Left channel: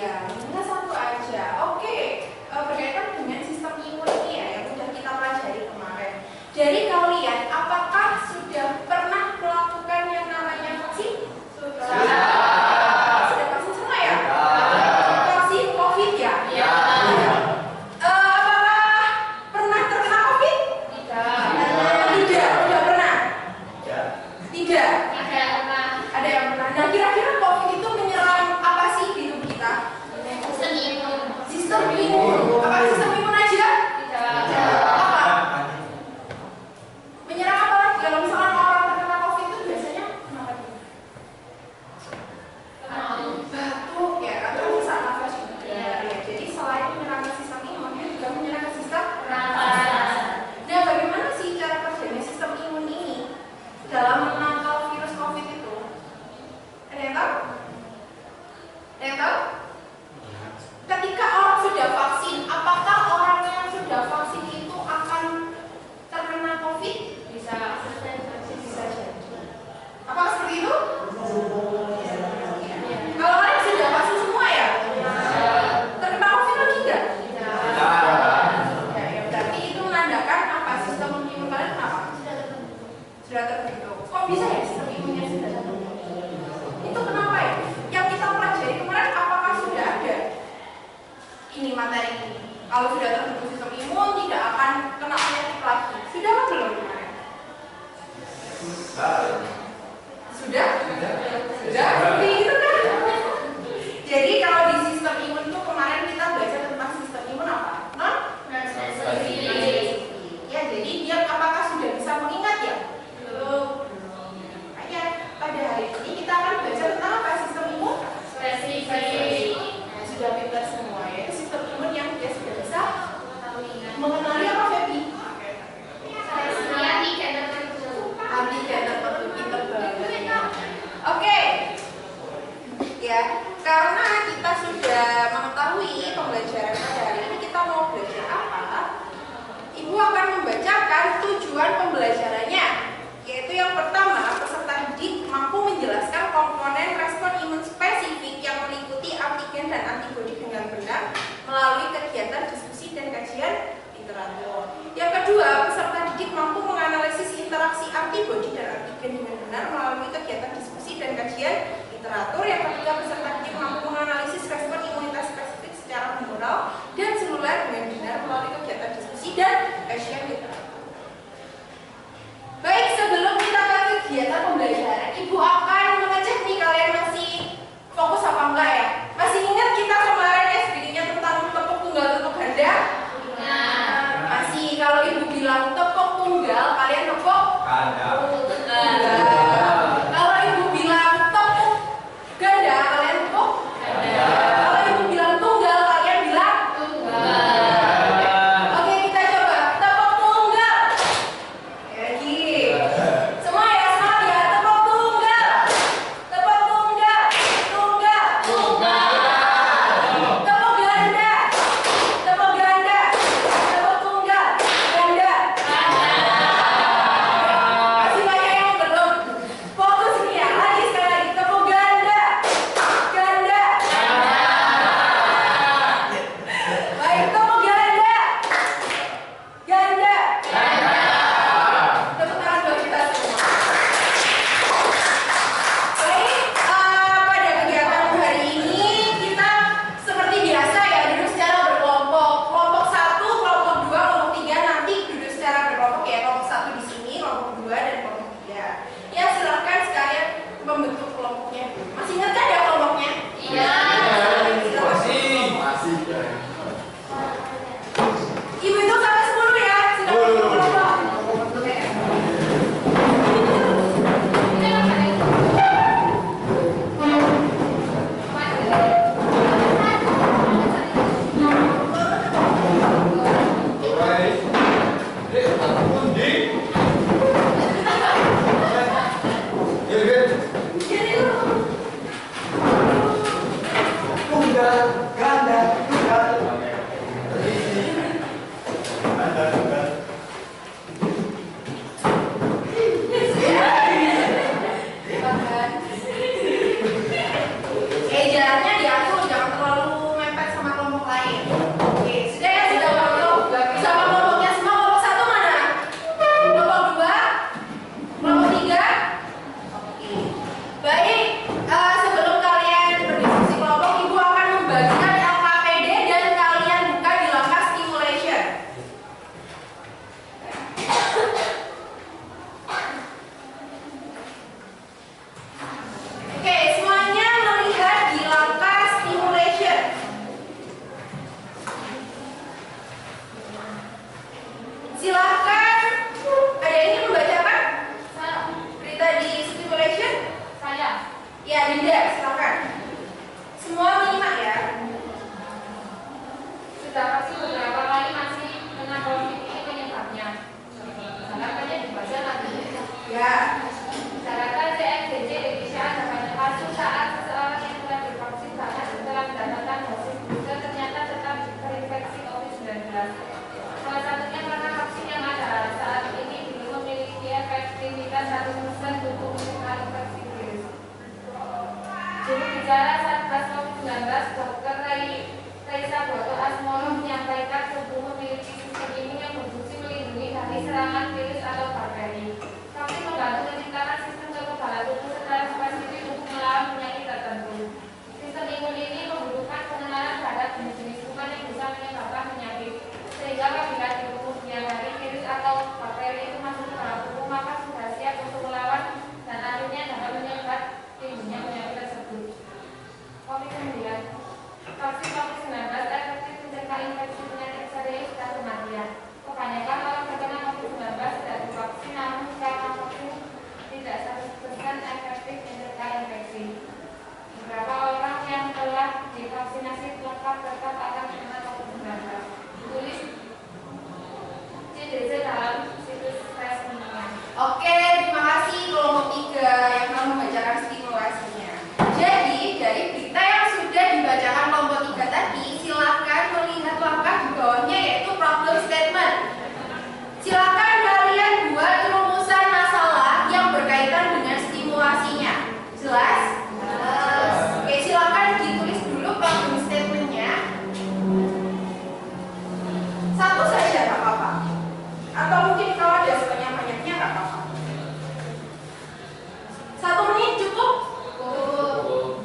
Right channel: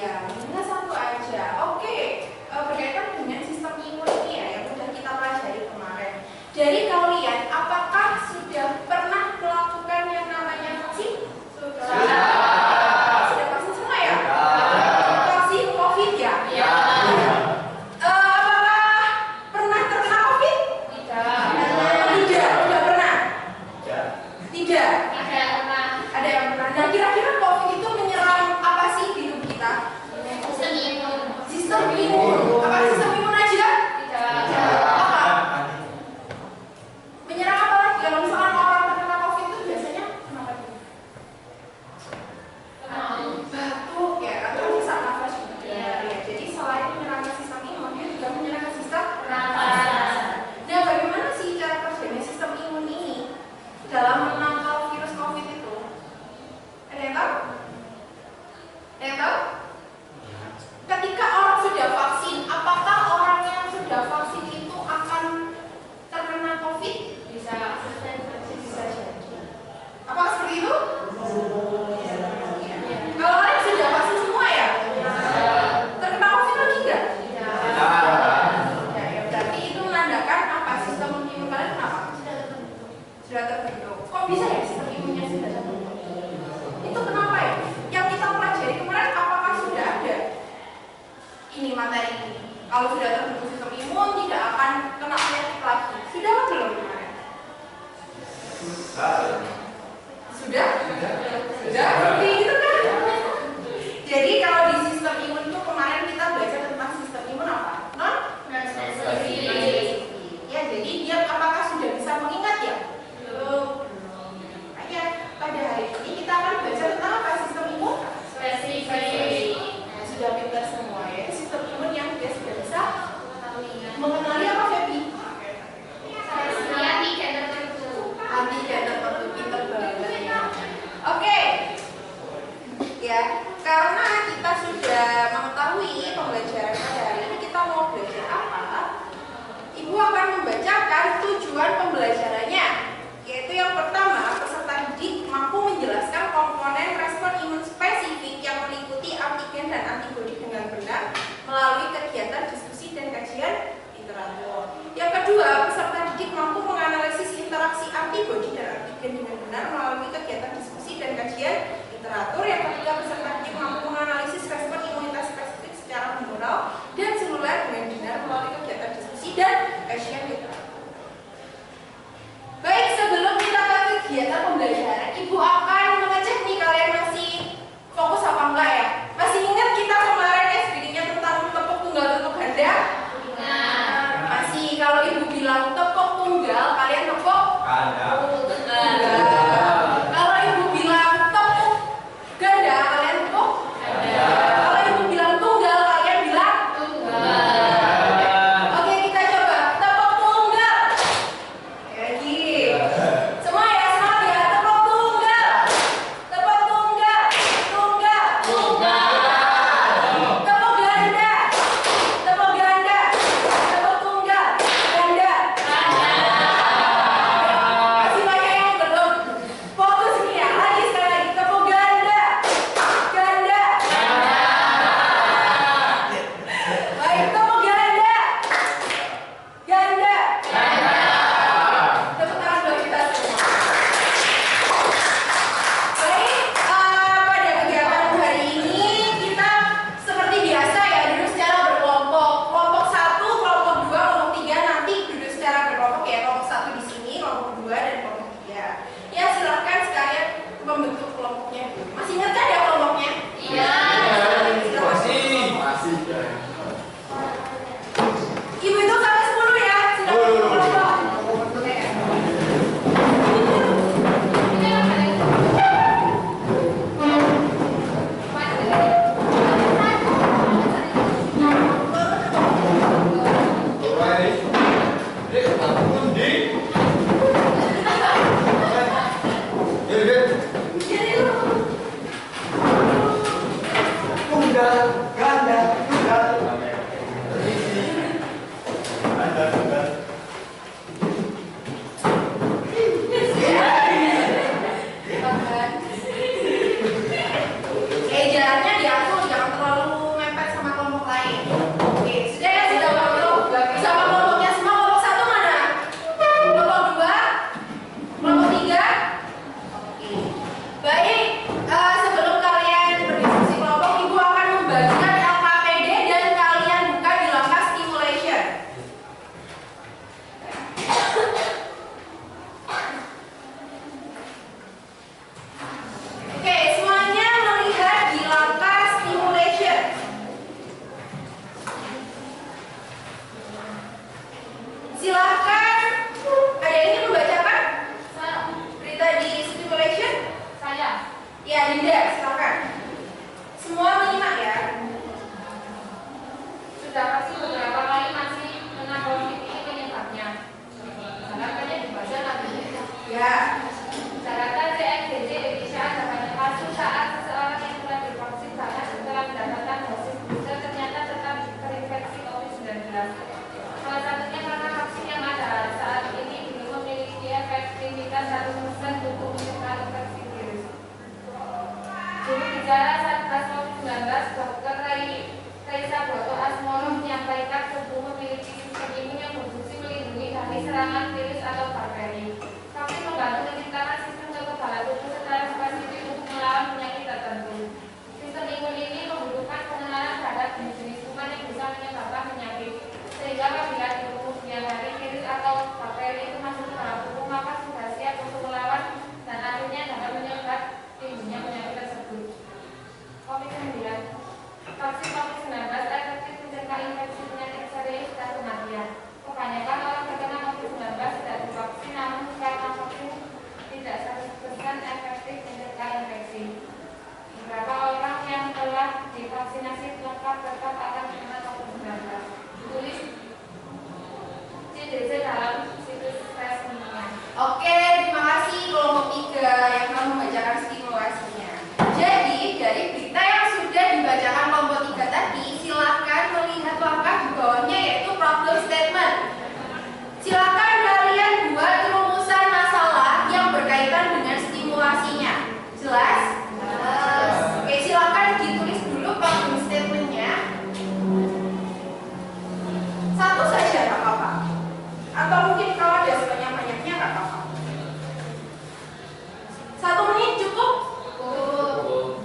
Iya, minimal satu aja. Oke, berkaitan dengan sistem imun ini ya, yang sudah kita pelajari kemarin. Jadi kalian, apakah sudah pernah melakukan yang namanya vaksin? Sudah. Sudah vaksin semua ya? Vaksin COVID ya? Iya. Apakah pernah terkena COVID? Tidak. Tidak, tidak pernah. Tidak. Tidak pernah. Ada yang pernah. Nah, kira-kira COVID itu menyerang apa sih di tubuh kita? Sistem imun. Sistem imun. Apa sistem imun aja? Tidak. Apa? Menyerang apa lagi? Kalau misalkan orang terkena COVID itu biasanya kenapa dia? Batuk ya, atau sesak nafas juga. Ya, jadi selain menyerang sistem imun, dia juga menyerang sistem nafas. Nah, bagaimana sih cara kerjanya sistem imun ini dalam menangkal virus COVID itu? Ada yang tahu? Ada yang tahu? Ketika orang sudah vaksin, apakah orang yang sudah vaksin itu akan terkena COVID? Bisa jadi. Apakah seperti itu? Kalau orang yang sudah vaksin semua ya? Terkena COVID lagi enggak? Ya, berarti itu menandakan apa? Sistem imun kalian kenapa? Sudah terbentuk. Kok bisa ya sistem imunnya sudah terbentuk? Itu kenapa ya? Yang kita pelajari kemarin apakah sudah ada ini materi ini? Kalau sudah terbentuk sistem imun tidak akan kena penyakit lagi. Sudah apa belum kemarin? Sudah? Seperti itu kan? Jadi kalau di sistem imun itu kemarin kita belajar tentang sistem imun apa? Non-spesifik. Ya, jadi dia apakah sudah bisa mengingat ya? Belum. Makanya pada hari ini kita akan belajar tentang apa? Sistem imun spesifik. Nah, sudah pintar semua ya. Sistem imun yang dia sudah bisa mengenali apa, Febi? Antigen tertentu, pintar banget ya. Oke. Ya, karena kita sudah mengetahui pembelajaran pada hari ini, kita mau belajar apa? Ibu akan membacakan tujuan pembelajarannya, yaitu yang pertama, peserta didik mampu menjelaskan komponen respon imun spesifik yang meliputi antigen dan antibodi dengan benar melalui kegiatan diskusi dan kajian literatur. Yang kedua, peserta didik mampu menganalisis interaksi antibodi dan antigen dengan benar melalui kegiatan diskusi dan kajian literatur. Yang ketiga, peserta didik mampu menganalisis respon imunitas spesifik secara humoral dan seluler dengan benar melalui kegiatan diskusi dan kajian literatur. Baik, sebelum kita ke kegiatan pembelajaran, Ibu akan mengecek nih kalian masih fokus apa enggak ya? Masih ingat kita kemarin SBD-nya tentang tepuk tunggal, tepuk ganda? Masih. Kalau Ibu bilang tepuk tunggal, kalian tepuk tunggal. Kalau Ibu bilang tepuk ganda, kalian tepuk ganda. Kalau Ibu bilang tunggal, kalian bilang tunggal. Oke, kita coba tepuk tunggal. Lagi. Semua ya, semangat ya. Tepuk tunggal. Tepuk tunggal. Tunggal. Tepuk ganda. Tepuk ganda. Tepuk tunggal. Ganda. Masih banyak yang belum. Fokus ini ya. Lagi sekali lagi. Tepuk ganda. Ganda. Baik, tepuk ganda. Ganda. Tepuk tangan buat kita semua. Baik, pada kegiatan hari ini kita seperti biasa ya duduk secara berkelompok. Kelompok 1, kelompok 2, kelompok 3 nanti duduk secara berkelompok ya. Kelompok 1 di sini, kelompok 2 dan kelompok 3. Ya, silakan sekalian membentuk kelompoknya. Masih ingat kan ya kelompoknya? Iya. Ibu itu sampai 10 ya. Silakan bentuk kelompok. Jadi lu jaraknya diatur, jangan terlalu vaksinasi lengkap tetap akan digunakan penggunaan. Tulis CDC dalam situs resminya. Oke, terima kasih kelompok 3 yang telah membacakan stimulasinya. Jadi, dari berita yang sudah dibacakan kelompok 3 tadi, silahkan melihat langkah di bawahnya yaitu problem statement. Silahkan kalian buat rumusan masalah yang berkaitan dengan stimulasinya. Jelas? Jelas. Oke, silahkan ditulis dulu problem statementnya. Satu saja nggak apa-apa. Atau mungkin kalau ada sebanyak-banyaknya nggak apa-apa. 1 menit cukup? Cukup.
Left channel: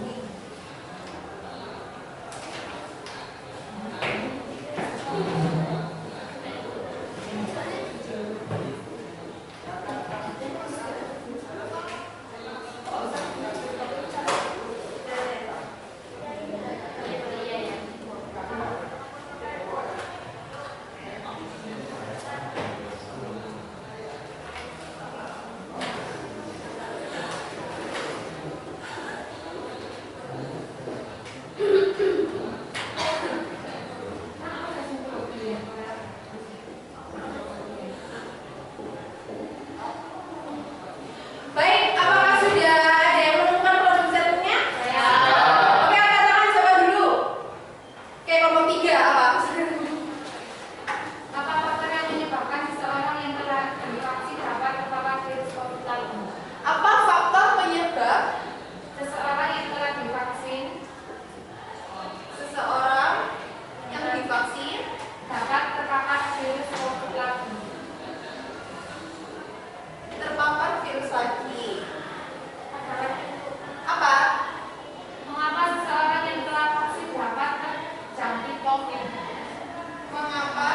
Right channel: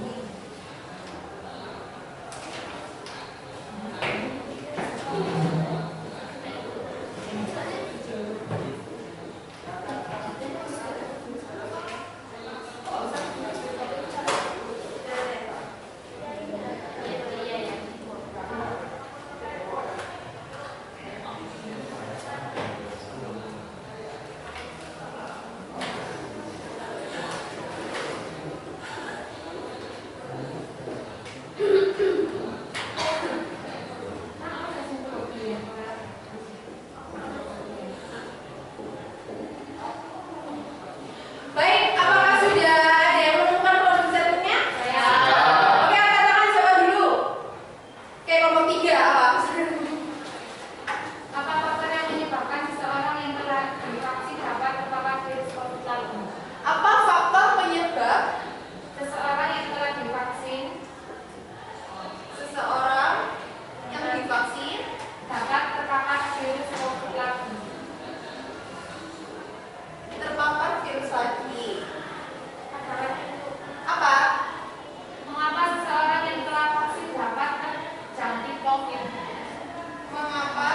Baik, apakah sudah ada yang menemukan problem statementnya? Ya. Oke, angkat tangan siapa dulu? Oke, kelompok 3 apa? Apa faktor yang menyebabkan seseorang yang telah divaksin dapat terpapar virus COVID-19? Apa faktor penyebab Seseorang yang telah divaksin dapat terpapar virus COVID-19. terpapar virus lagi? Apa? Mengapa seseorang yang telah vaksin dapat terjangkit COVID? Mengapa?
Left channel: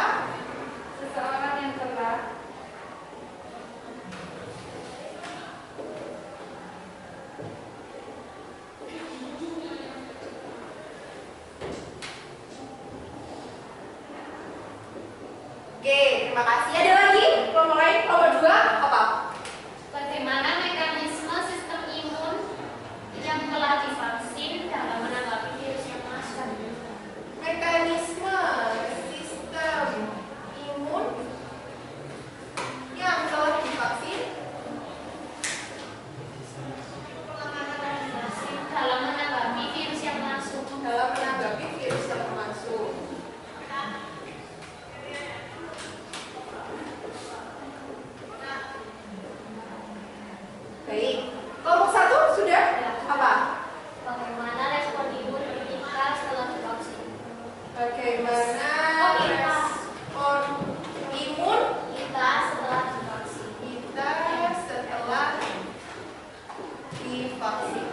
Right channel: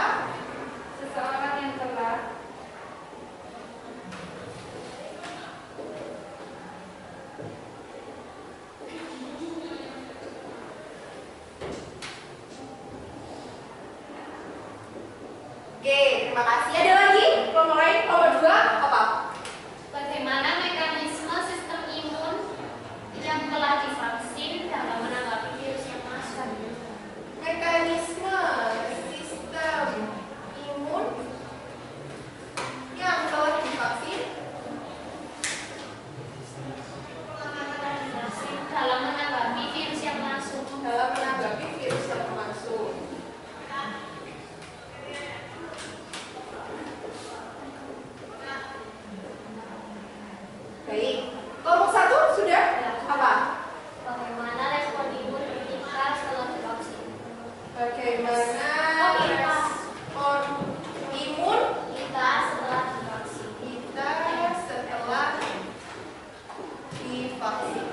Seseorang yang telah Oke, terima kasih. Ada lagi? Kelompok lain? Kelompok 2 apa? bagaimana mekanisme sistem imun yang telah divaksin dalam menanggapi virus yang masuk? Mekanisme sistem imun yang telah divaksin Dalam menanggapi virus yang masuk. dalam menanggapi virus yang masuk. Baik, kelompok 1 sudah? Apa? Bagaimana respon imun kita setelah divaksin? Bagaimana respon imun Kita setelah divaksin. kita setelah divaksin?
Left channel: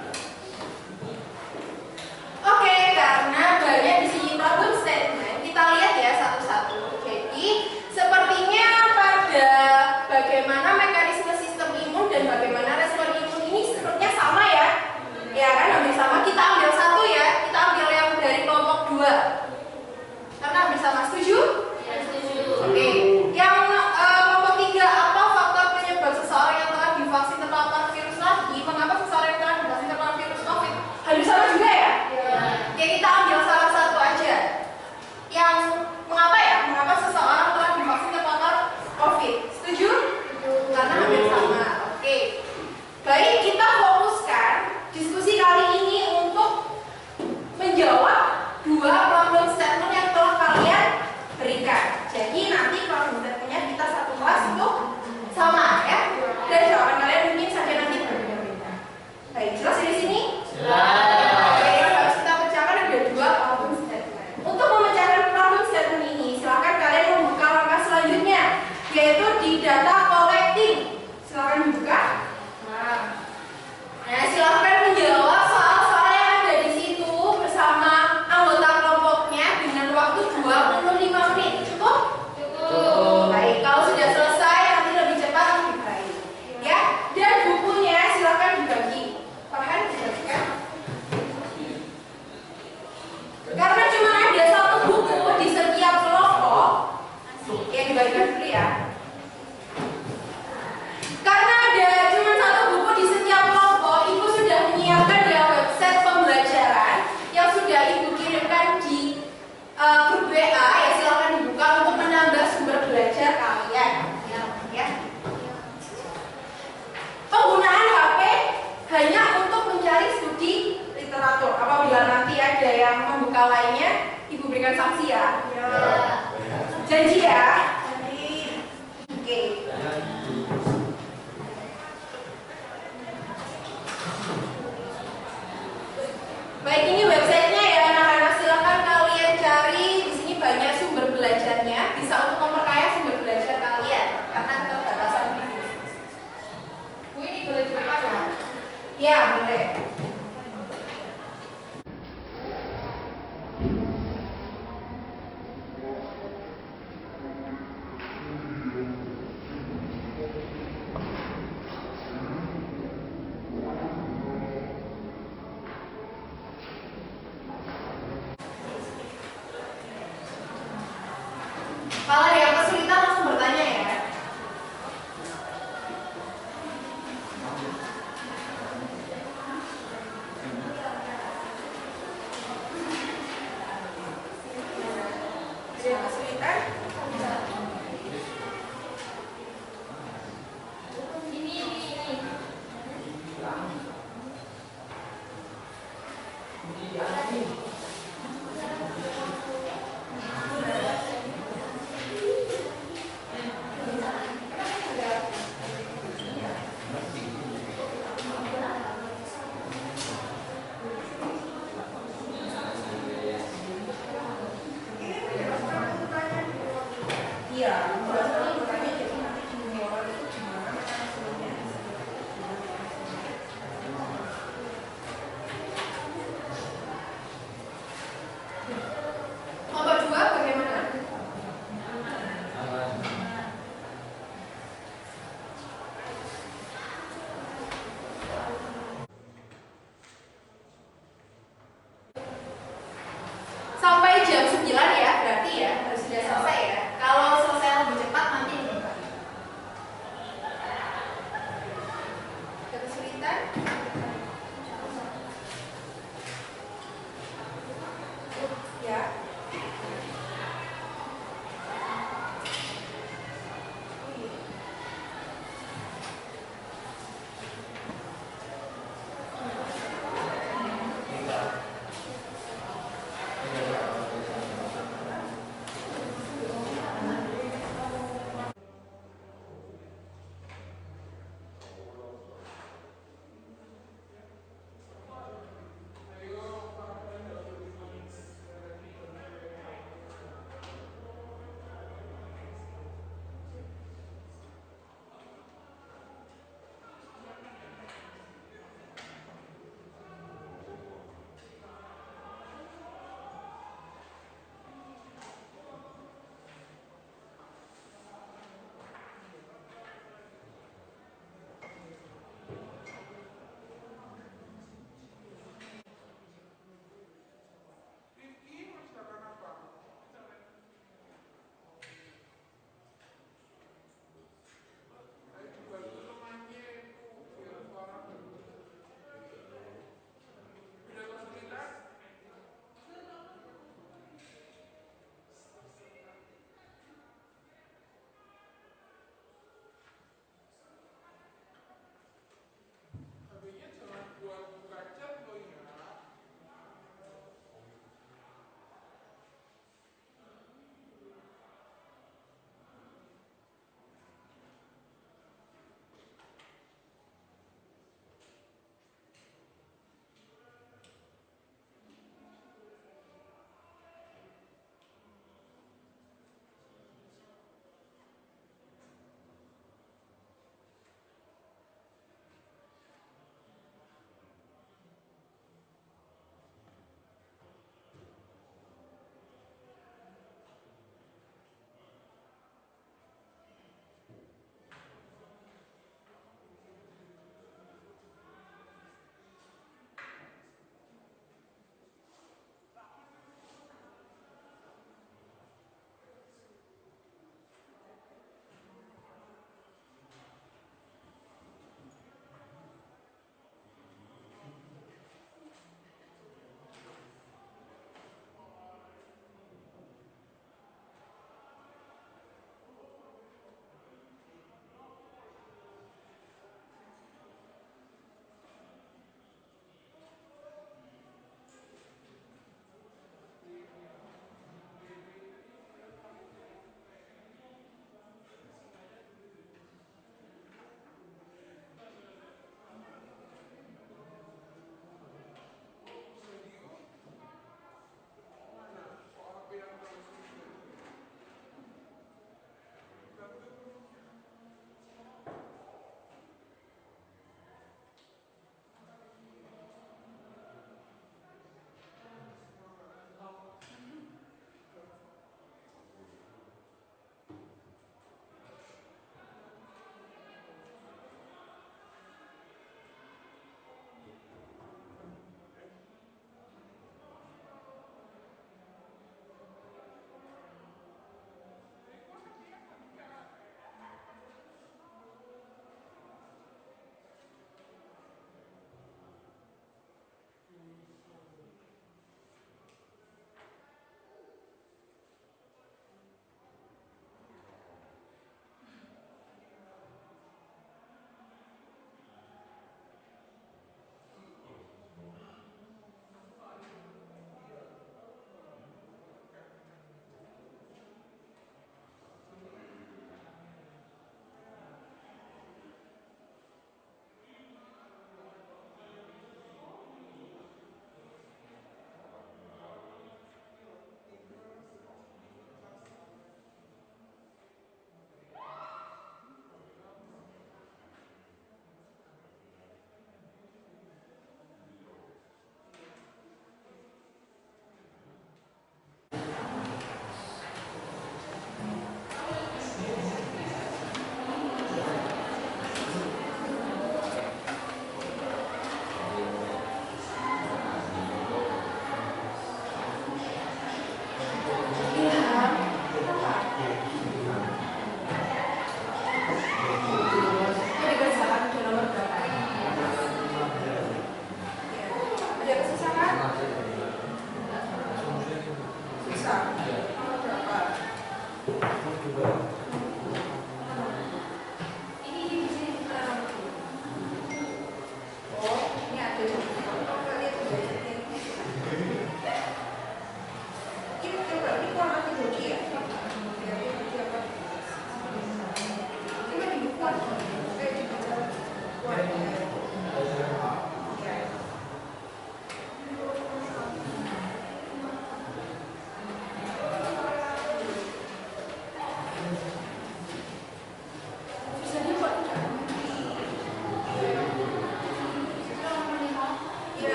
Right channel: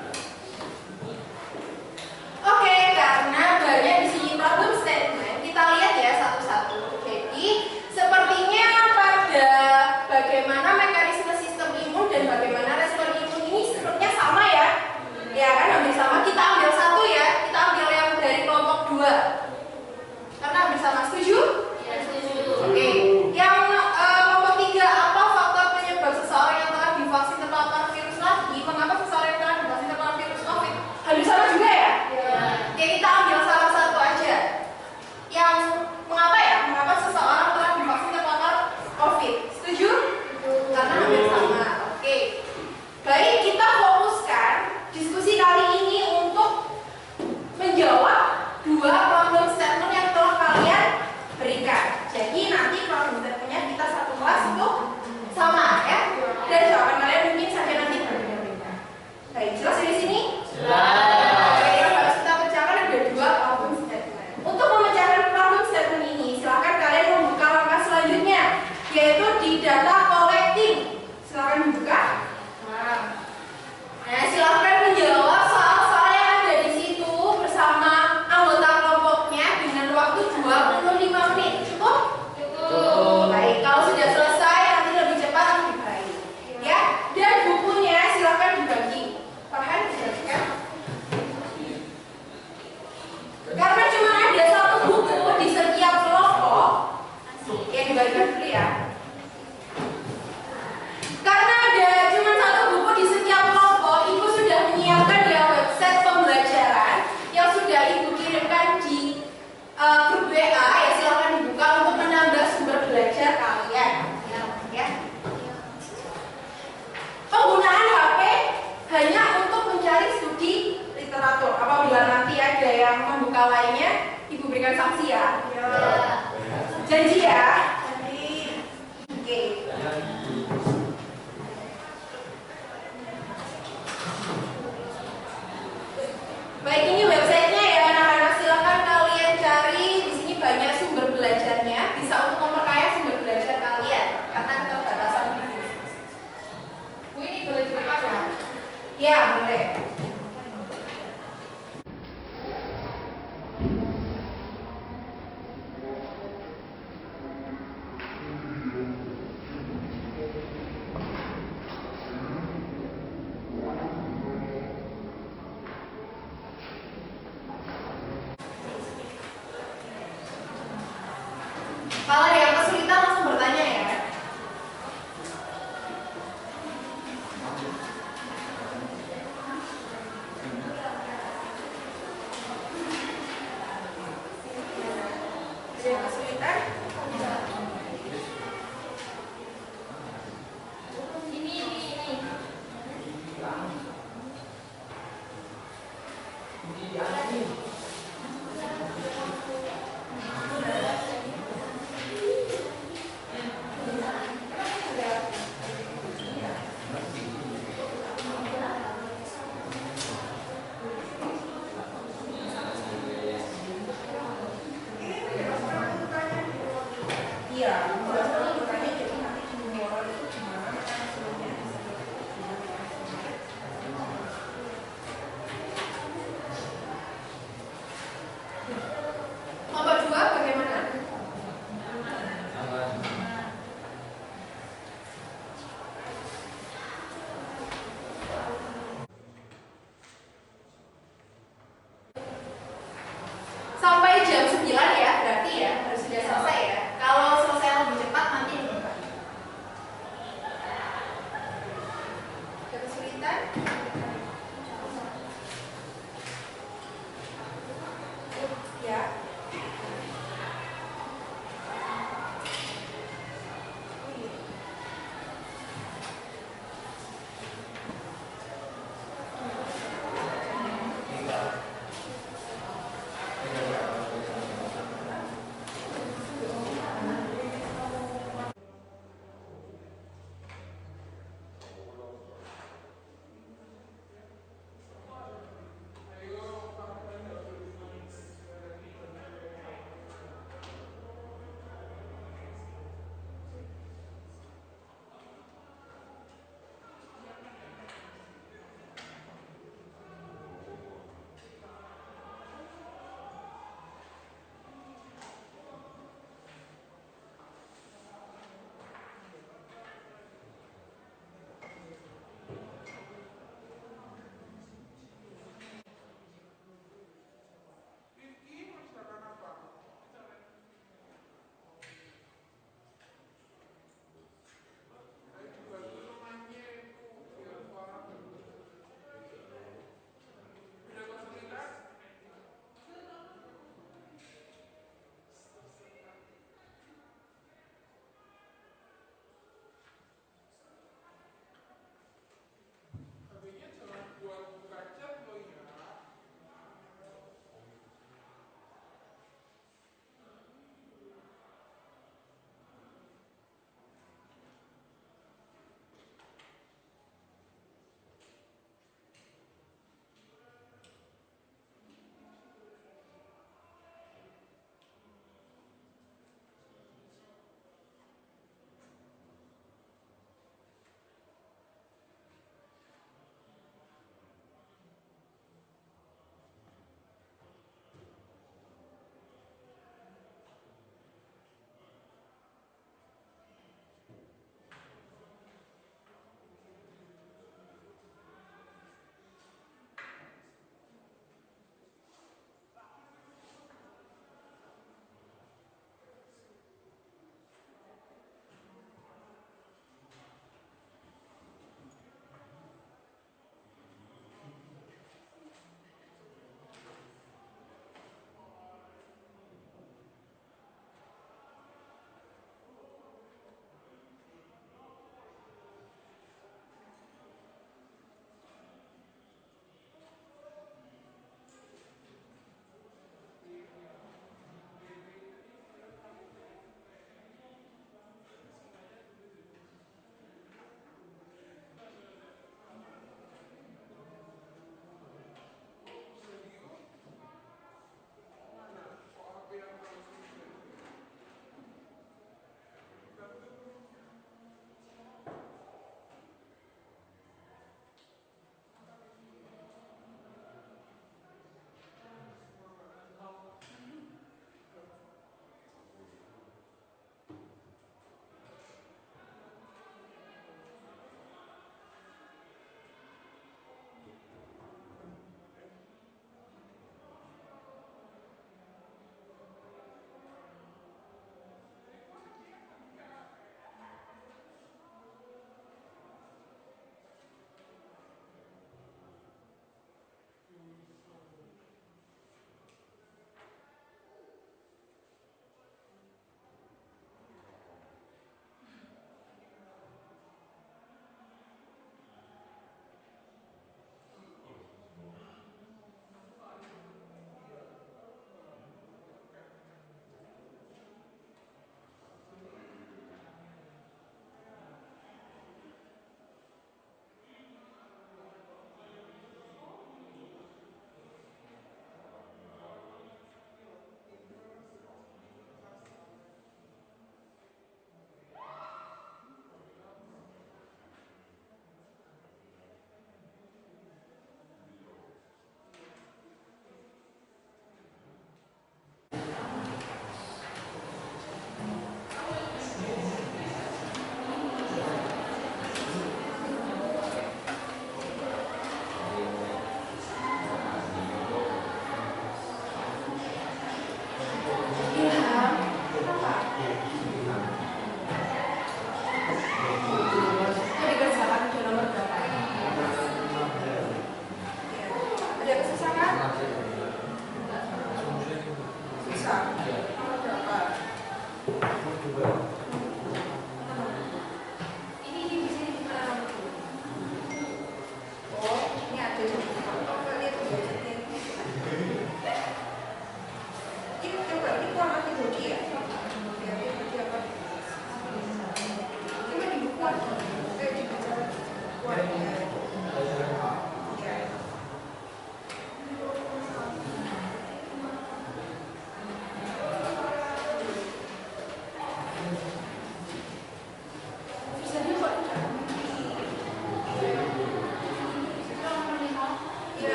Oke, karena banyak di sini problem statement, kita lihat ya satu-satu. Jadi, sepertinya pada bagaimana mekanisme sistem imun dan bagaimana respon imun ini sepertinya sama ya. Ya kan, hampir sama. Kita ambil satu ya. Kita ambil yang dari kelompok 2. Karena hampir sama. Setuju? Ya, setuju. Oke. Yang kelompok 3, apa faktor penyebab seseorang yang telah divaksin terpapar virus lagi? Mengapa seseorang yang telah divaksin terpapar virus COVID? Hampir sama juga ya? Ya. Oke, kita ambil salah satu aja. Yang mengapa ya? Mengapa seseorang telah divaksin terpapar COVID? Setuju? Karena hampir sama. Oke. Baik, kita fokuskan diskusi kali ini untuk menjawab 2 problem statement yang telah kalian berikan. Jadi nanti problem statementnya kita satu kelas itu sama ya. Dan jawaban kalian mungkin saja nanti berbeda-beda. Baik, jelas di sini? Oke, yang harus kita pecahkan ada 2 problem statement. Untuk memecahkan problem statement ini, silakan kalian membuka langkah selanjutnya, yaitu di data collecting. Silakan dibuka. Nah, silakan menjawab soal-soal yang ada di situ bersama anggota kelompok yang membuka lainnya, Ibu berikan sanksi ya. Ya. Janji ya. Oke. Baik, ini websitenya ya anak-anak, silakan kalian cari. Di sini banyak sumber belajarnya, bisa untuk memperkaya sumber belajar kalian karena keterbatasan video. Bu, ini boleh direkam ya? Ya, boleh. Kalau ada yang kesulitan langsung bertanya ya. Ada yang kesulitan? Ini. Iya, bertanya jadi nanti junior itu gimana hasilnya? Nomor 2 bagaimana? Sampai jam 9 ya, berarti ya harus sudah selesai ya. Kalau selesai lebih cepat nanti dibuka. Ada kesulitan? Ya.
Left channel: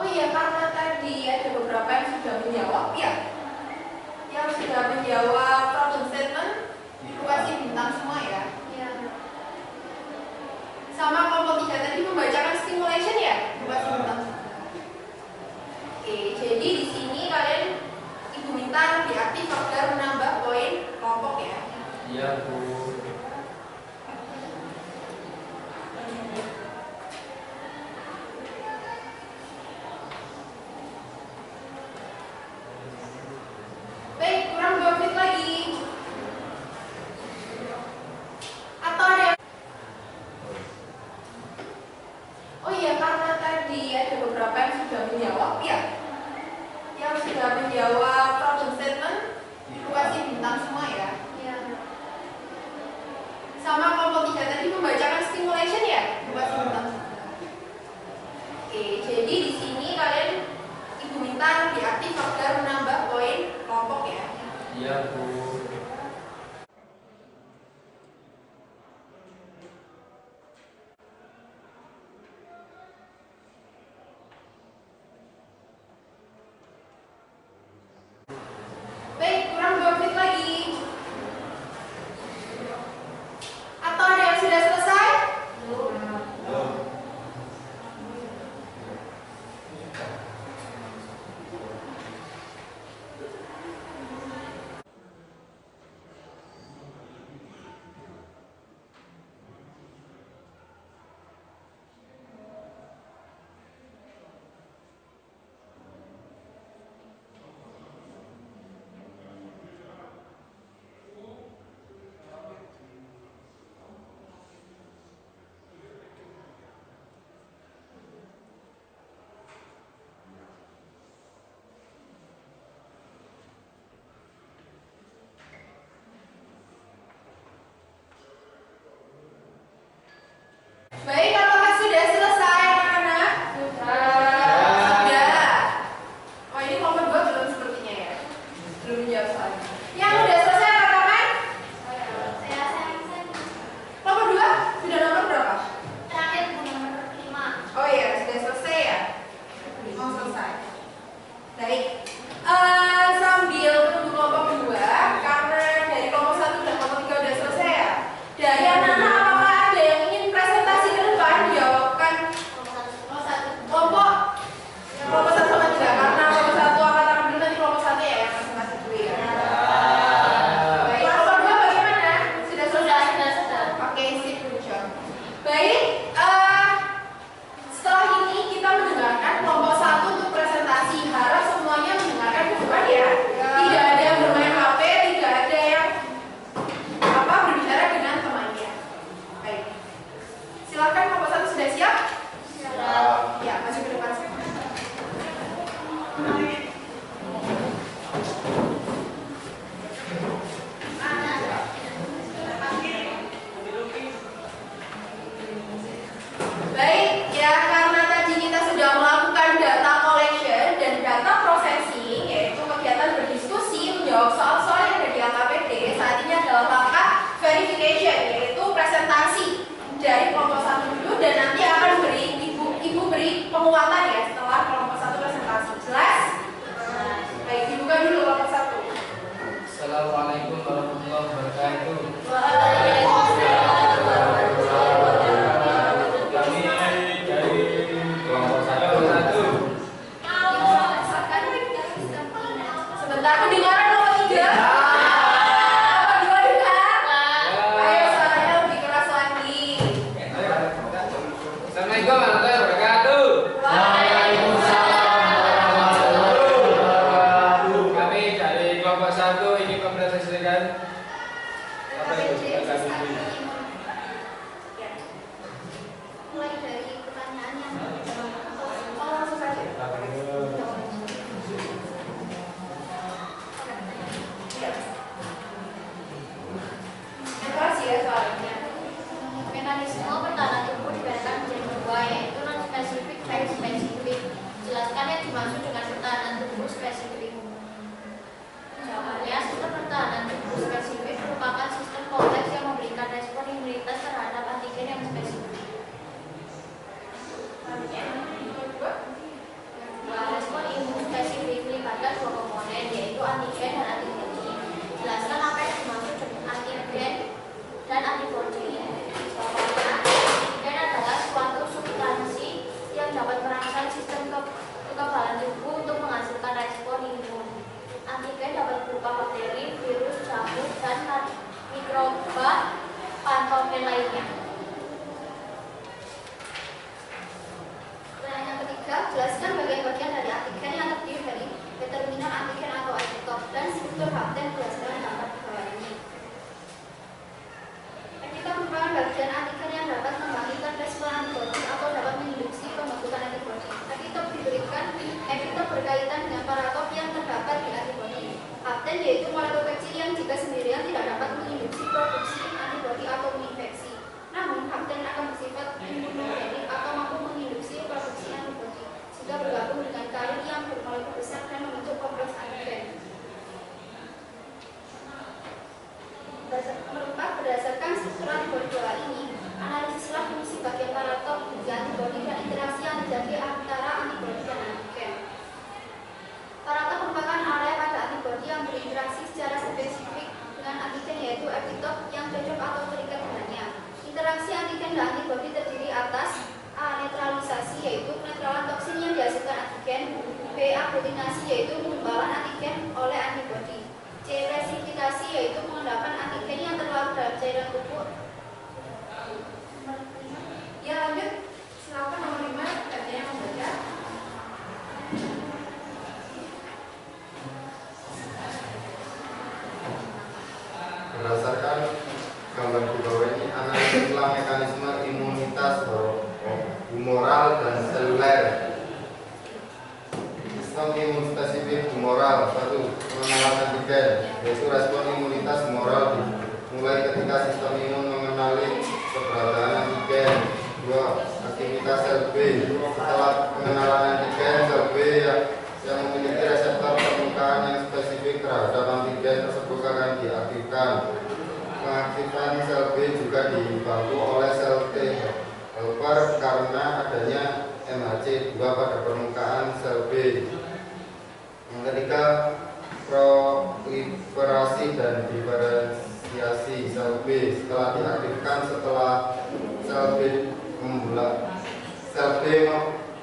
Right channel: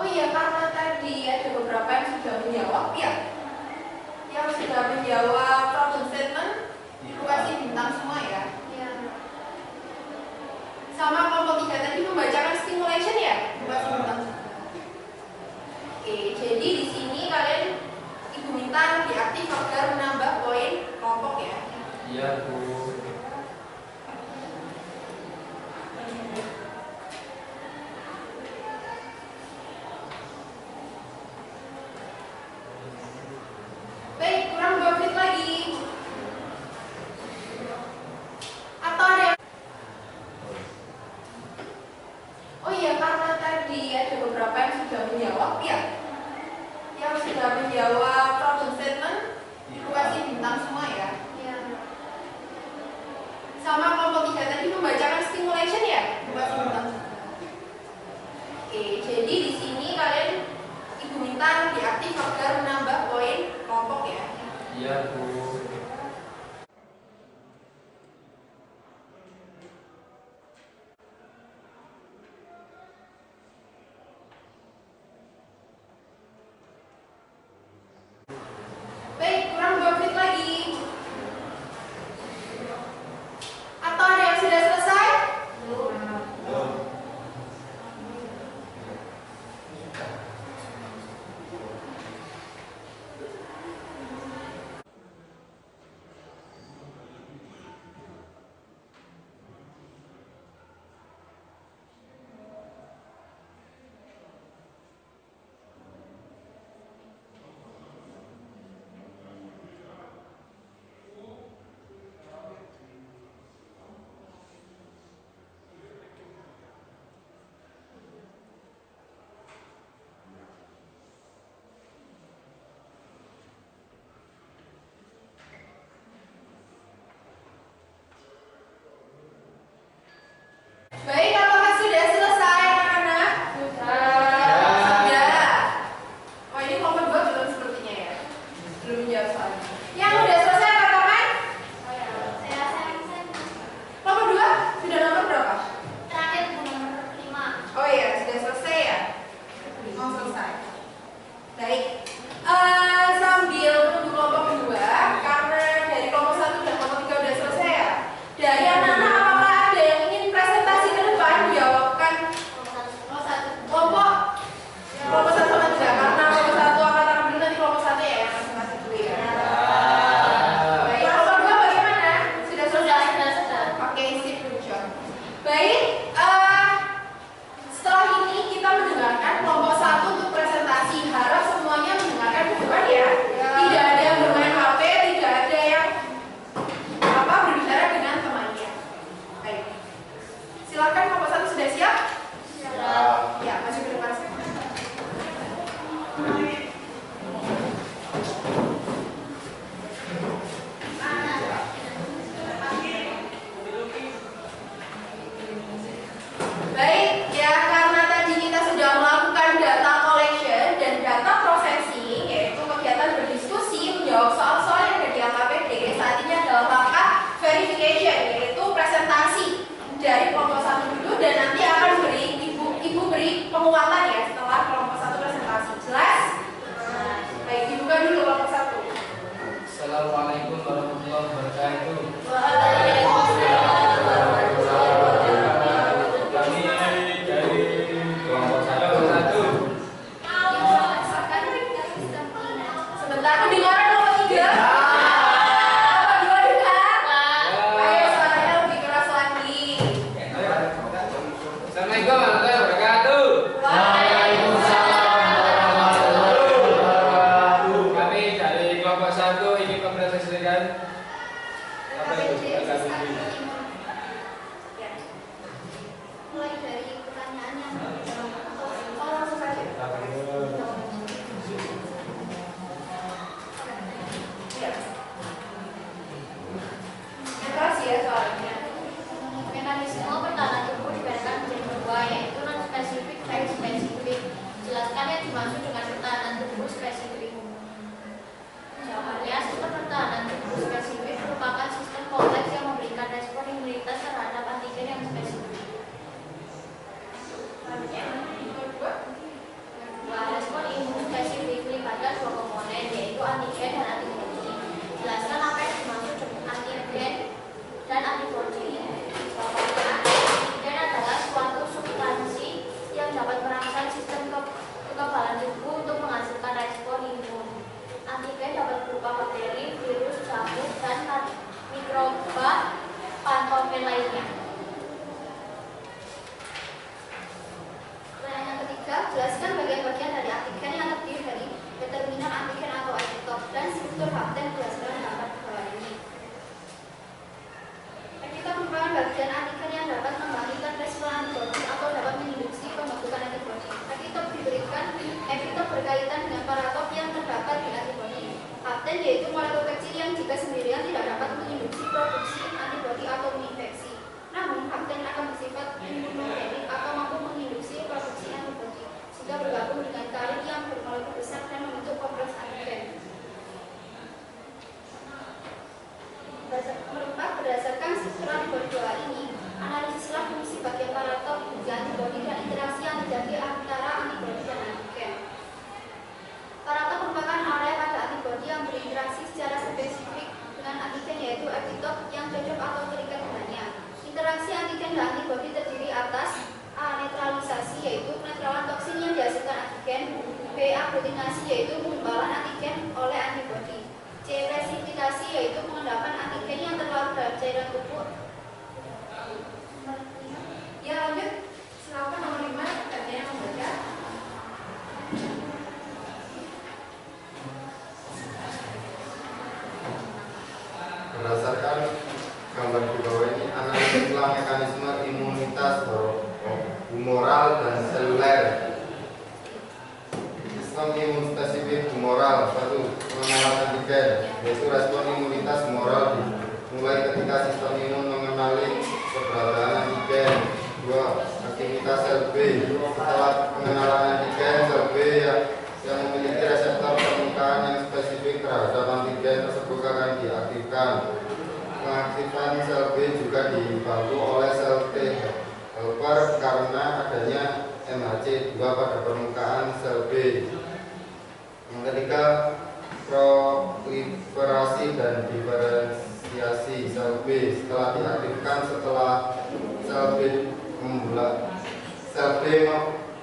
Oh iya, karena tadi ada beberapa yang sudah menjawab ya. Yang sudah menjawab problem statement itu kasih bintang semua ya. Iya. Sama kelompok 3 tadi membacakan stimulation ya, kasih bintang. Oke, jadi di sini kalian Ibu minta lebih aktif agar menambah poin kelompok ya. Iya, Bu. Baik, kurang 2 menit lagi. Atau ada yang... Oh iya, karena tadi ada beberapa yang sudah menjawab ya. Yang sudah menjawab problem statement itu kasih bintang semua ya. Iya. Sama kelompok 3 tadi membacakan stimulation ya, kasih bintang. Oke, jadi di sini kalian Ibu minta lebih aktif agar menambah poin kelompok ya. Iya, Bu. Baik, kurang 2 menit lagi. Atau ada yang sudah selesai? Baik, apakah sudah selesai anak-anak? Sudah. Oh, ini kelompok 2 belum sepertinya ya. Belum menjawab soalnya. Yang sudah selesai katakan? Saya Kelompok 2 sudah nomor berapa? terakhir Bu, nomor 5. Oh iya, sudah selesai ya? Mau selesai. Baik. Sambil menunggu kelompok 2, karena dari kelompok 1 dan kelompok 3 sudah selesai ya. Dari anak-anak apakah ada yang ingin presentasi ke depan dijawabkan kelompok 1 sama 3, karena kelompok 1 akan tahan dulu, nanti kelompok 1 ya yang masing-masing dulu ya. Baik, kelompok 2 bagaimana? Sudah selesai? Sudah. Oke, sip, good job. Baik, setelah ini kita mendengarkan kelompok 1 untuk presentasi. Harap semuanya dimaksud dengan pertahanan tubuh spesifik? Jawabannya, sistem pertahanan tubuh spesifik merupakan sistem kompleks yang memberikan respon imunitas terhadap antigen yang spesifik. Respon imun spesifik melibatkan dua komponen, yaitu antigen dan antibodi. Jelaskan apa yang dimaksud dengan antigen dan antibodi. Jawabannya, antigen adalah suatu substansi yang dapat merangsang sistem kekebalan tubuh untuk menghasilkan respon imun. Antigen dapat berupa bakteri, virus, jamur, dan mikroba patogen lainnya. Pertanyaan ketiga, jelaskan bagian-bagian dari antigen yang terdiri dari determinan antigen atau epitop dan struktur hapten berdasarkan gambar di bawah ini. Epitop merupakan bagian antigen yang dapat membangkitkan respon antibodi atau dapat menginduksi pembentukan antibodi. Epitop berkaitan dengan paratop yang terdapat di antibodi. Hapten yaitu molekul kecil yang jika sendirian tidak dapat menginduksi produksi antibodi atau menginfeksi. Namun, hapten akan bersifat imunogenik atau mampu menginduksi produksi antibodi jika bergabung dengan karin yang bermolekul besar dan membentuk kompleks antigen. Berdasarkan struktur antibodi dua ini, analisislah fungsi bagian paratop di antibodi dan interaksi yang terjadi antara antibodi dan antigen. Paratop merupakan area pada antibodi yang berinteraksi secara spesifik dengan antigen, yaitu epitop yang cocok atau terikat dengannya. Interaksi antigen dan antibodi terdiri atas A. Netralisasi, yaitu penetralan toksin yang dihasilkan antigen. B. Aglutinasi, yaitu penggumpalan antigen oleh antibodi. C. Presipitasi, yaitu pengendapan antigen yang terlarut dalam cairan tubuh. Ya, lanjut. Silakan nomor 5, katanya membaca. Berdasarkan gambar di bawah ini, analisislah mekanisme imunitas humoral dan seluler. Sistem imun spesifik humoral. 1. Pengenalan antigen, yaitu respon imunitas humoral dimulai ketika sistem imun mengenali keberadaan antigen. 2. Aktivitas sel B. Setelah pengenalan antigen, sel B yang memiliki reseptor permukaan yang spesifik terhadap antigen tersebut akan diaktifkan. Pengaktifan sel B juga dibantu oleh sel T helper karena adanya MHC2 pada permukaan sel B. Yang ketiga, proliferasi dan diferensiasi sel B. Setelah diaktifkan, setelah sel B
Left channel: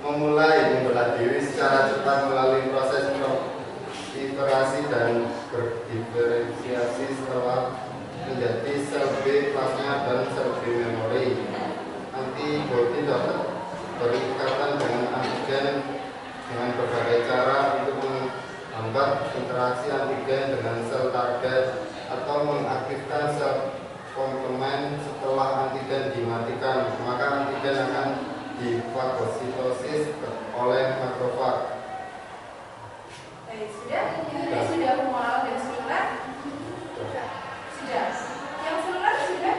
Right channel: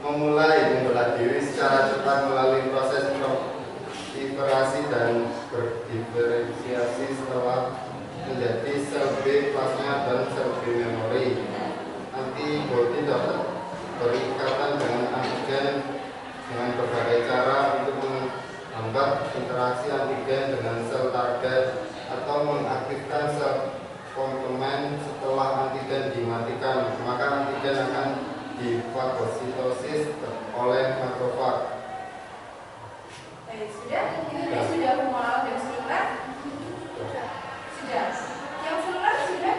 memulai membelah diri secara cepat melalui proses proliferasi dan berdiferensiasi setelah menjadi sel B plasma dan sel B memori. Antibodi dapat berikatan dengan antigen dengan berbagai cara untuk menghambat interaksi antigen dengan sel target atau mengaktifkan sel komplement. Setelah antigen dimatikan, maka antigen akan difagositosis oleh makrofag. Sudah? Ini sudah humoral dan seluler? Sudah. Yang seluler sudah?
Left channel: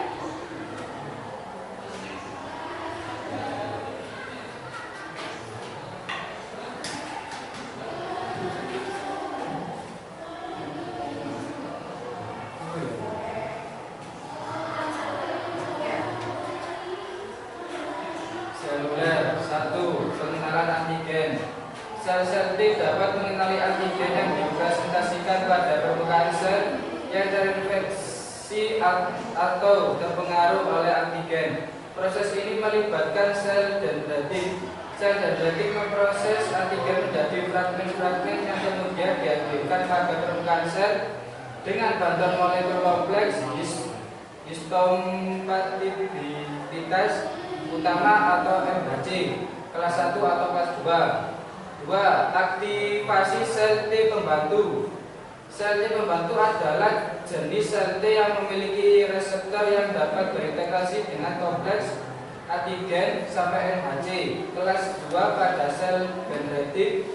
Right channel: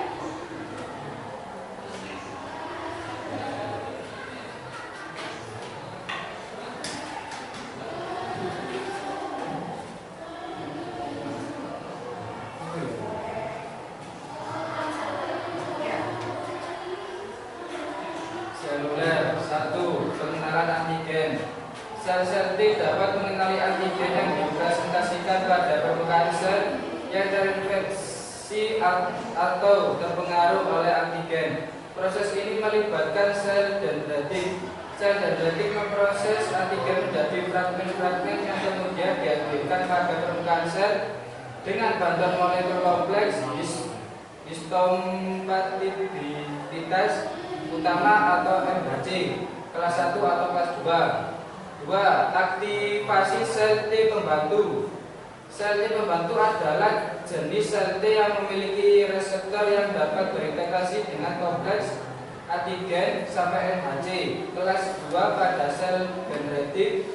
Seluler. 1. Pengenalan antigen. Sel-sel T dapat mengenali antigen yang dipresentasikan pada permukaan sel yang terinfeksi atau terpengaruh oleh antigen. Proses ini melibatkan sel dendritik. Sel dendritik memproses antigen menjadi fragmen-fragmen yang kemudian diaktifkan pada permukaan sel dengan bantuan molekul kompleks histompatibilitas utama atau MHC kelas 1 atau kelas 2. 2. Aktivasi sel T pembantu. Sel T pembantu adalah jenis sel T yang memiliki reseptor yang dapat berintegrasi dengan kompleks antigen sampai MHC kelas 2 pada sel dendritik.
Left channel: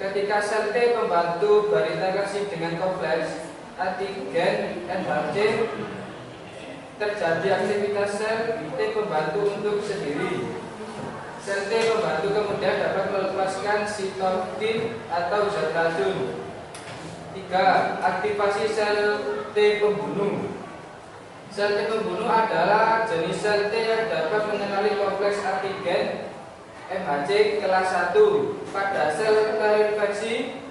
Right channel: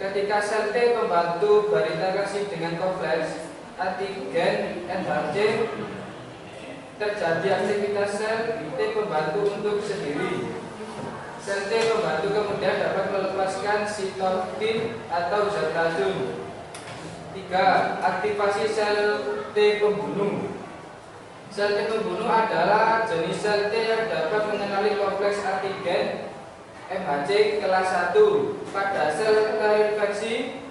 Ketika sel T pembantu berintegrasi dengan kompleks antigen MHC, terjadi aktivitas sel T pembantu untuk sendiri. Sel T pembantu kemudian dapat melepaskan sitokin atau zat racun. 3. Aktivasi sel T pembunuh. Sel T pembunuh adalah jenis sel T yang dapat mengenali kompleks antigen MHC kelas 1 pada sel terinfeksi.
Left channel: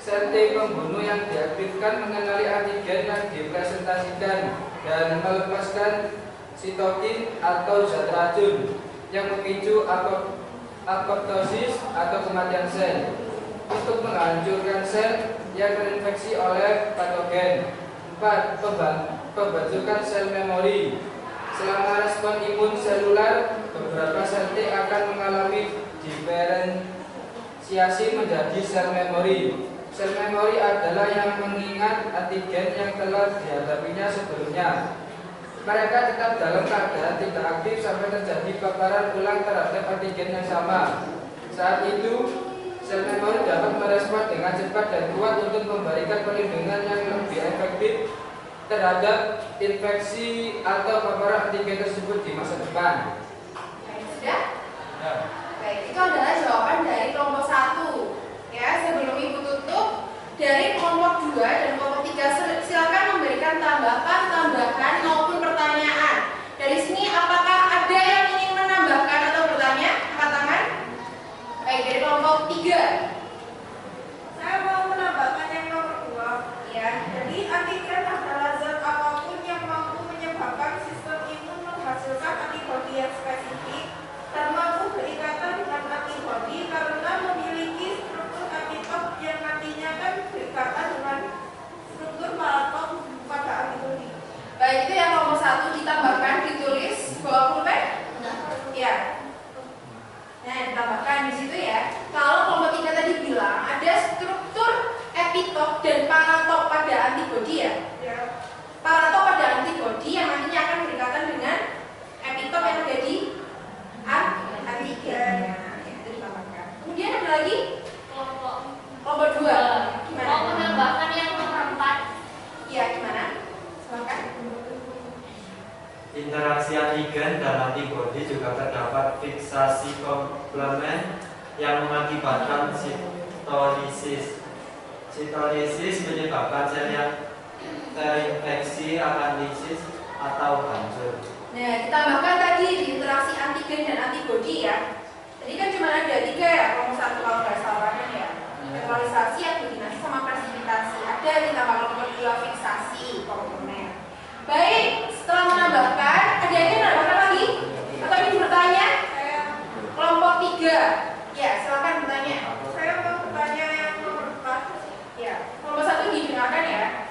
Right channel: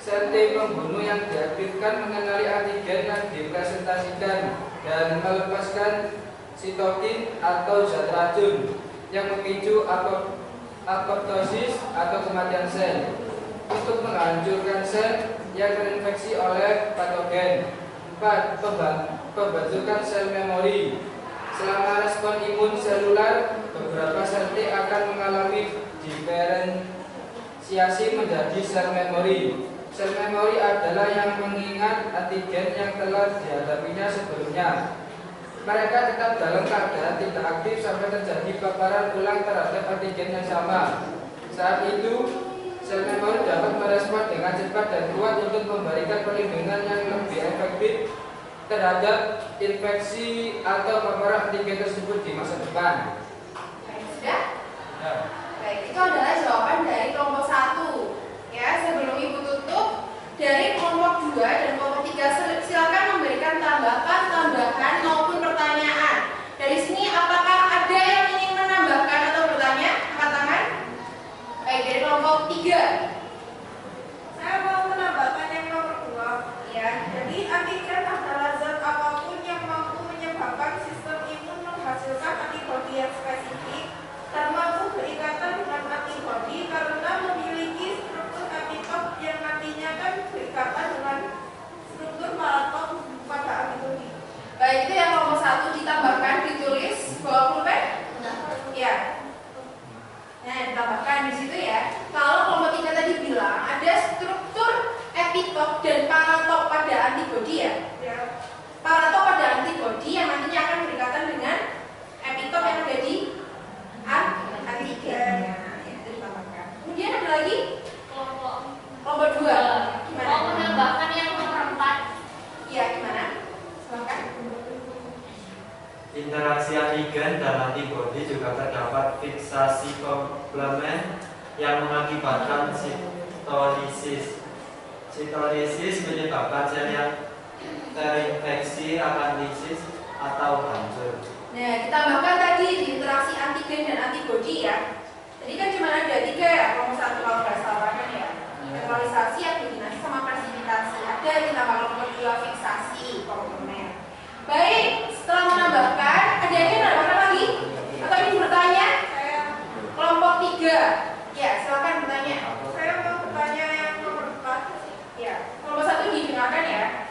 Sel T pembunuh yang diaktifkan mengenali antigen yang dipresentasikan dan melepaskan sitokin atau zat racun yang memicu apoptosis atau kematian sel untuk menghancurkan sel yang terinfeksi oleh patogen. 4. Pembentukan sel memori. Selama respon imun seluler, beberapa sel T akan mengalami diferensiasi menjadi sel memori. Sel memori adalah yang mengingat antigen yang telah dihadapinya sebelumnya. Mereka tetap dalam keadaan tidak aktif sampai terjadi paparan ulang terhadap antigen yang sama. Saat itu, sel memori dapat merespon dengan cepat dan kuat untuk memberikan perlindungan yang lebih efektif terhadap infeksi atau paparan antigen tersebut di masa depan. Baik, sudah? Ya. Baik, itu adalah jawaban dari kelompok 1. Ya, sebelum Ibu tutup, dari kelompok 2 dan kelompok 3 silakan memberikan tambahan maupun pertanyaan. Dari sini apakah ada yang ingin menambahkan atau bertanya? Angkat tangan. Baik, dari kelompok 3. Saya mau menambahkan yang nomor 2. Ya. Jadi antigen adalah zat apapun yang mampu menyebabkan sistem imun menghasilkan antibodi yang spesifik dan mampu berikatan dengan antibodi karena memiliki struktur epitop yang nantinya akan berikatan dengan struktur paraton pada antibodi. Baik, itu yang kelompok 1 ditambahkan, ditulis bawa pulpen. Ya. Nah, ditambahkan di situ ya. Kalau kelompok 3 tadi bilang ada struktur epitop dan paratop pada antibodi ya. Ya. Paratop pada antibodi yang nantinya akan berikatan dengan epitop yang ada di antigen. Nah, itu ditambahkan. Kemudian ada lagi kelompok 2. Gimana? Mau menambahkan yang nomor 4. Iya, gimana? Silakan. Interaksi antigen dan antibodi juga terdapat fiksasi komplement yang mengakibatkan sitolisis. Sitolisis menyebabkan sel yang terinfeksi akan lisis atau hancur. Nah, ditambahkan tadi di interaksi antigen dan antibodi ya. Tadi kan cuma ada 3 ya, kelompok 1 kalau nggak salah kan ya. Neutralisasi, aglutinasi, sama presipitasi. Ada yang ditambah kelompok 2 fiksasi komplement. Baik, setelah menambahkan, ada yang menambahkan lagi? Atau ingin bertanya? Saya Kelompok 3. Ya, silakan bertanya. saya mau bertanya yang nomor 4. Ya, kelompok 1 didengarkan ya.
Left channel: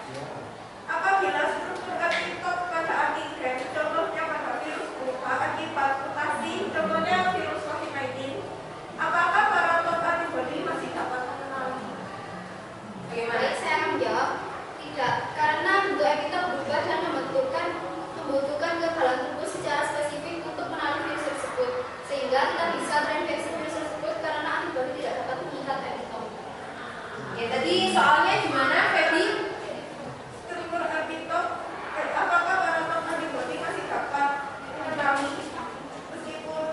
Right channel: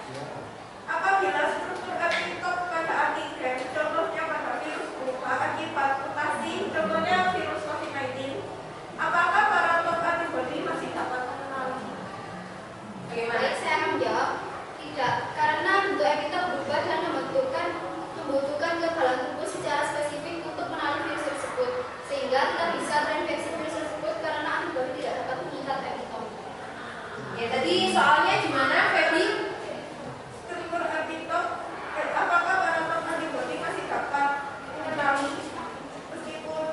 Apabila struktur epitop pada antigen, contohnya pada virus Wuhan akibat mutasi, contohnya virus COVID-19, apakah paraton antibodi masih dapat mengenali? Bagaimana? Baik, saya akan menjawab. Tidak, karena bentuk epitop berubah dan membutuhkan kekebalan tubuh secara spesifik untuk mengenali virus tersebut, sehingga kita bisa terinfeksi virus tersebut karena antibodi tidak dapat mengikat epitop. Ya, tadi soalnya gimana, Febri? Struktur epitop, apakah paraton antibodi masih dapat mengenali meskipun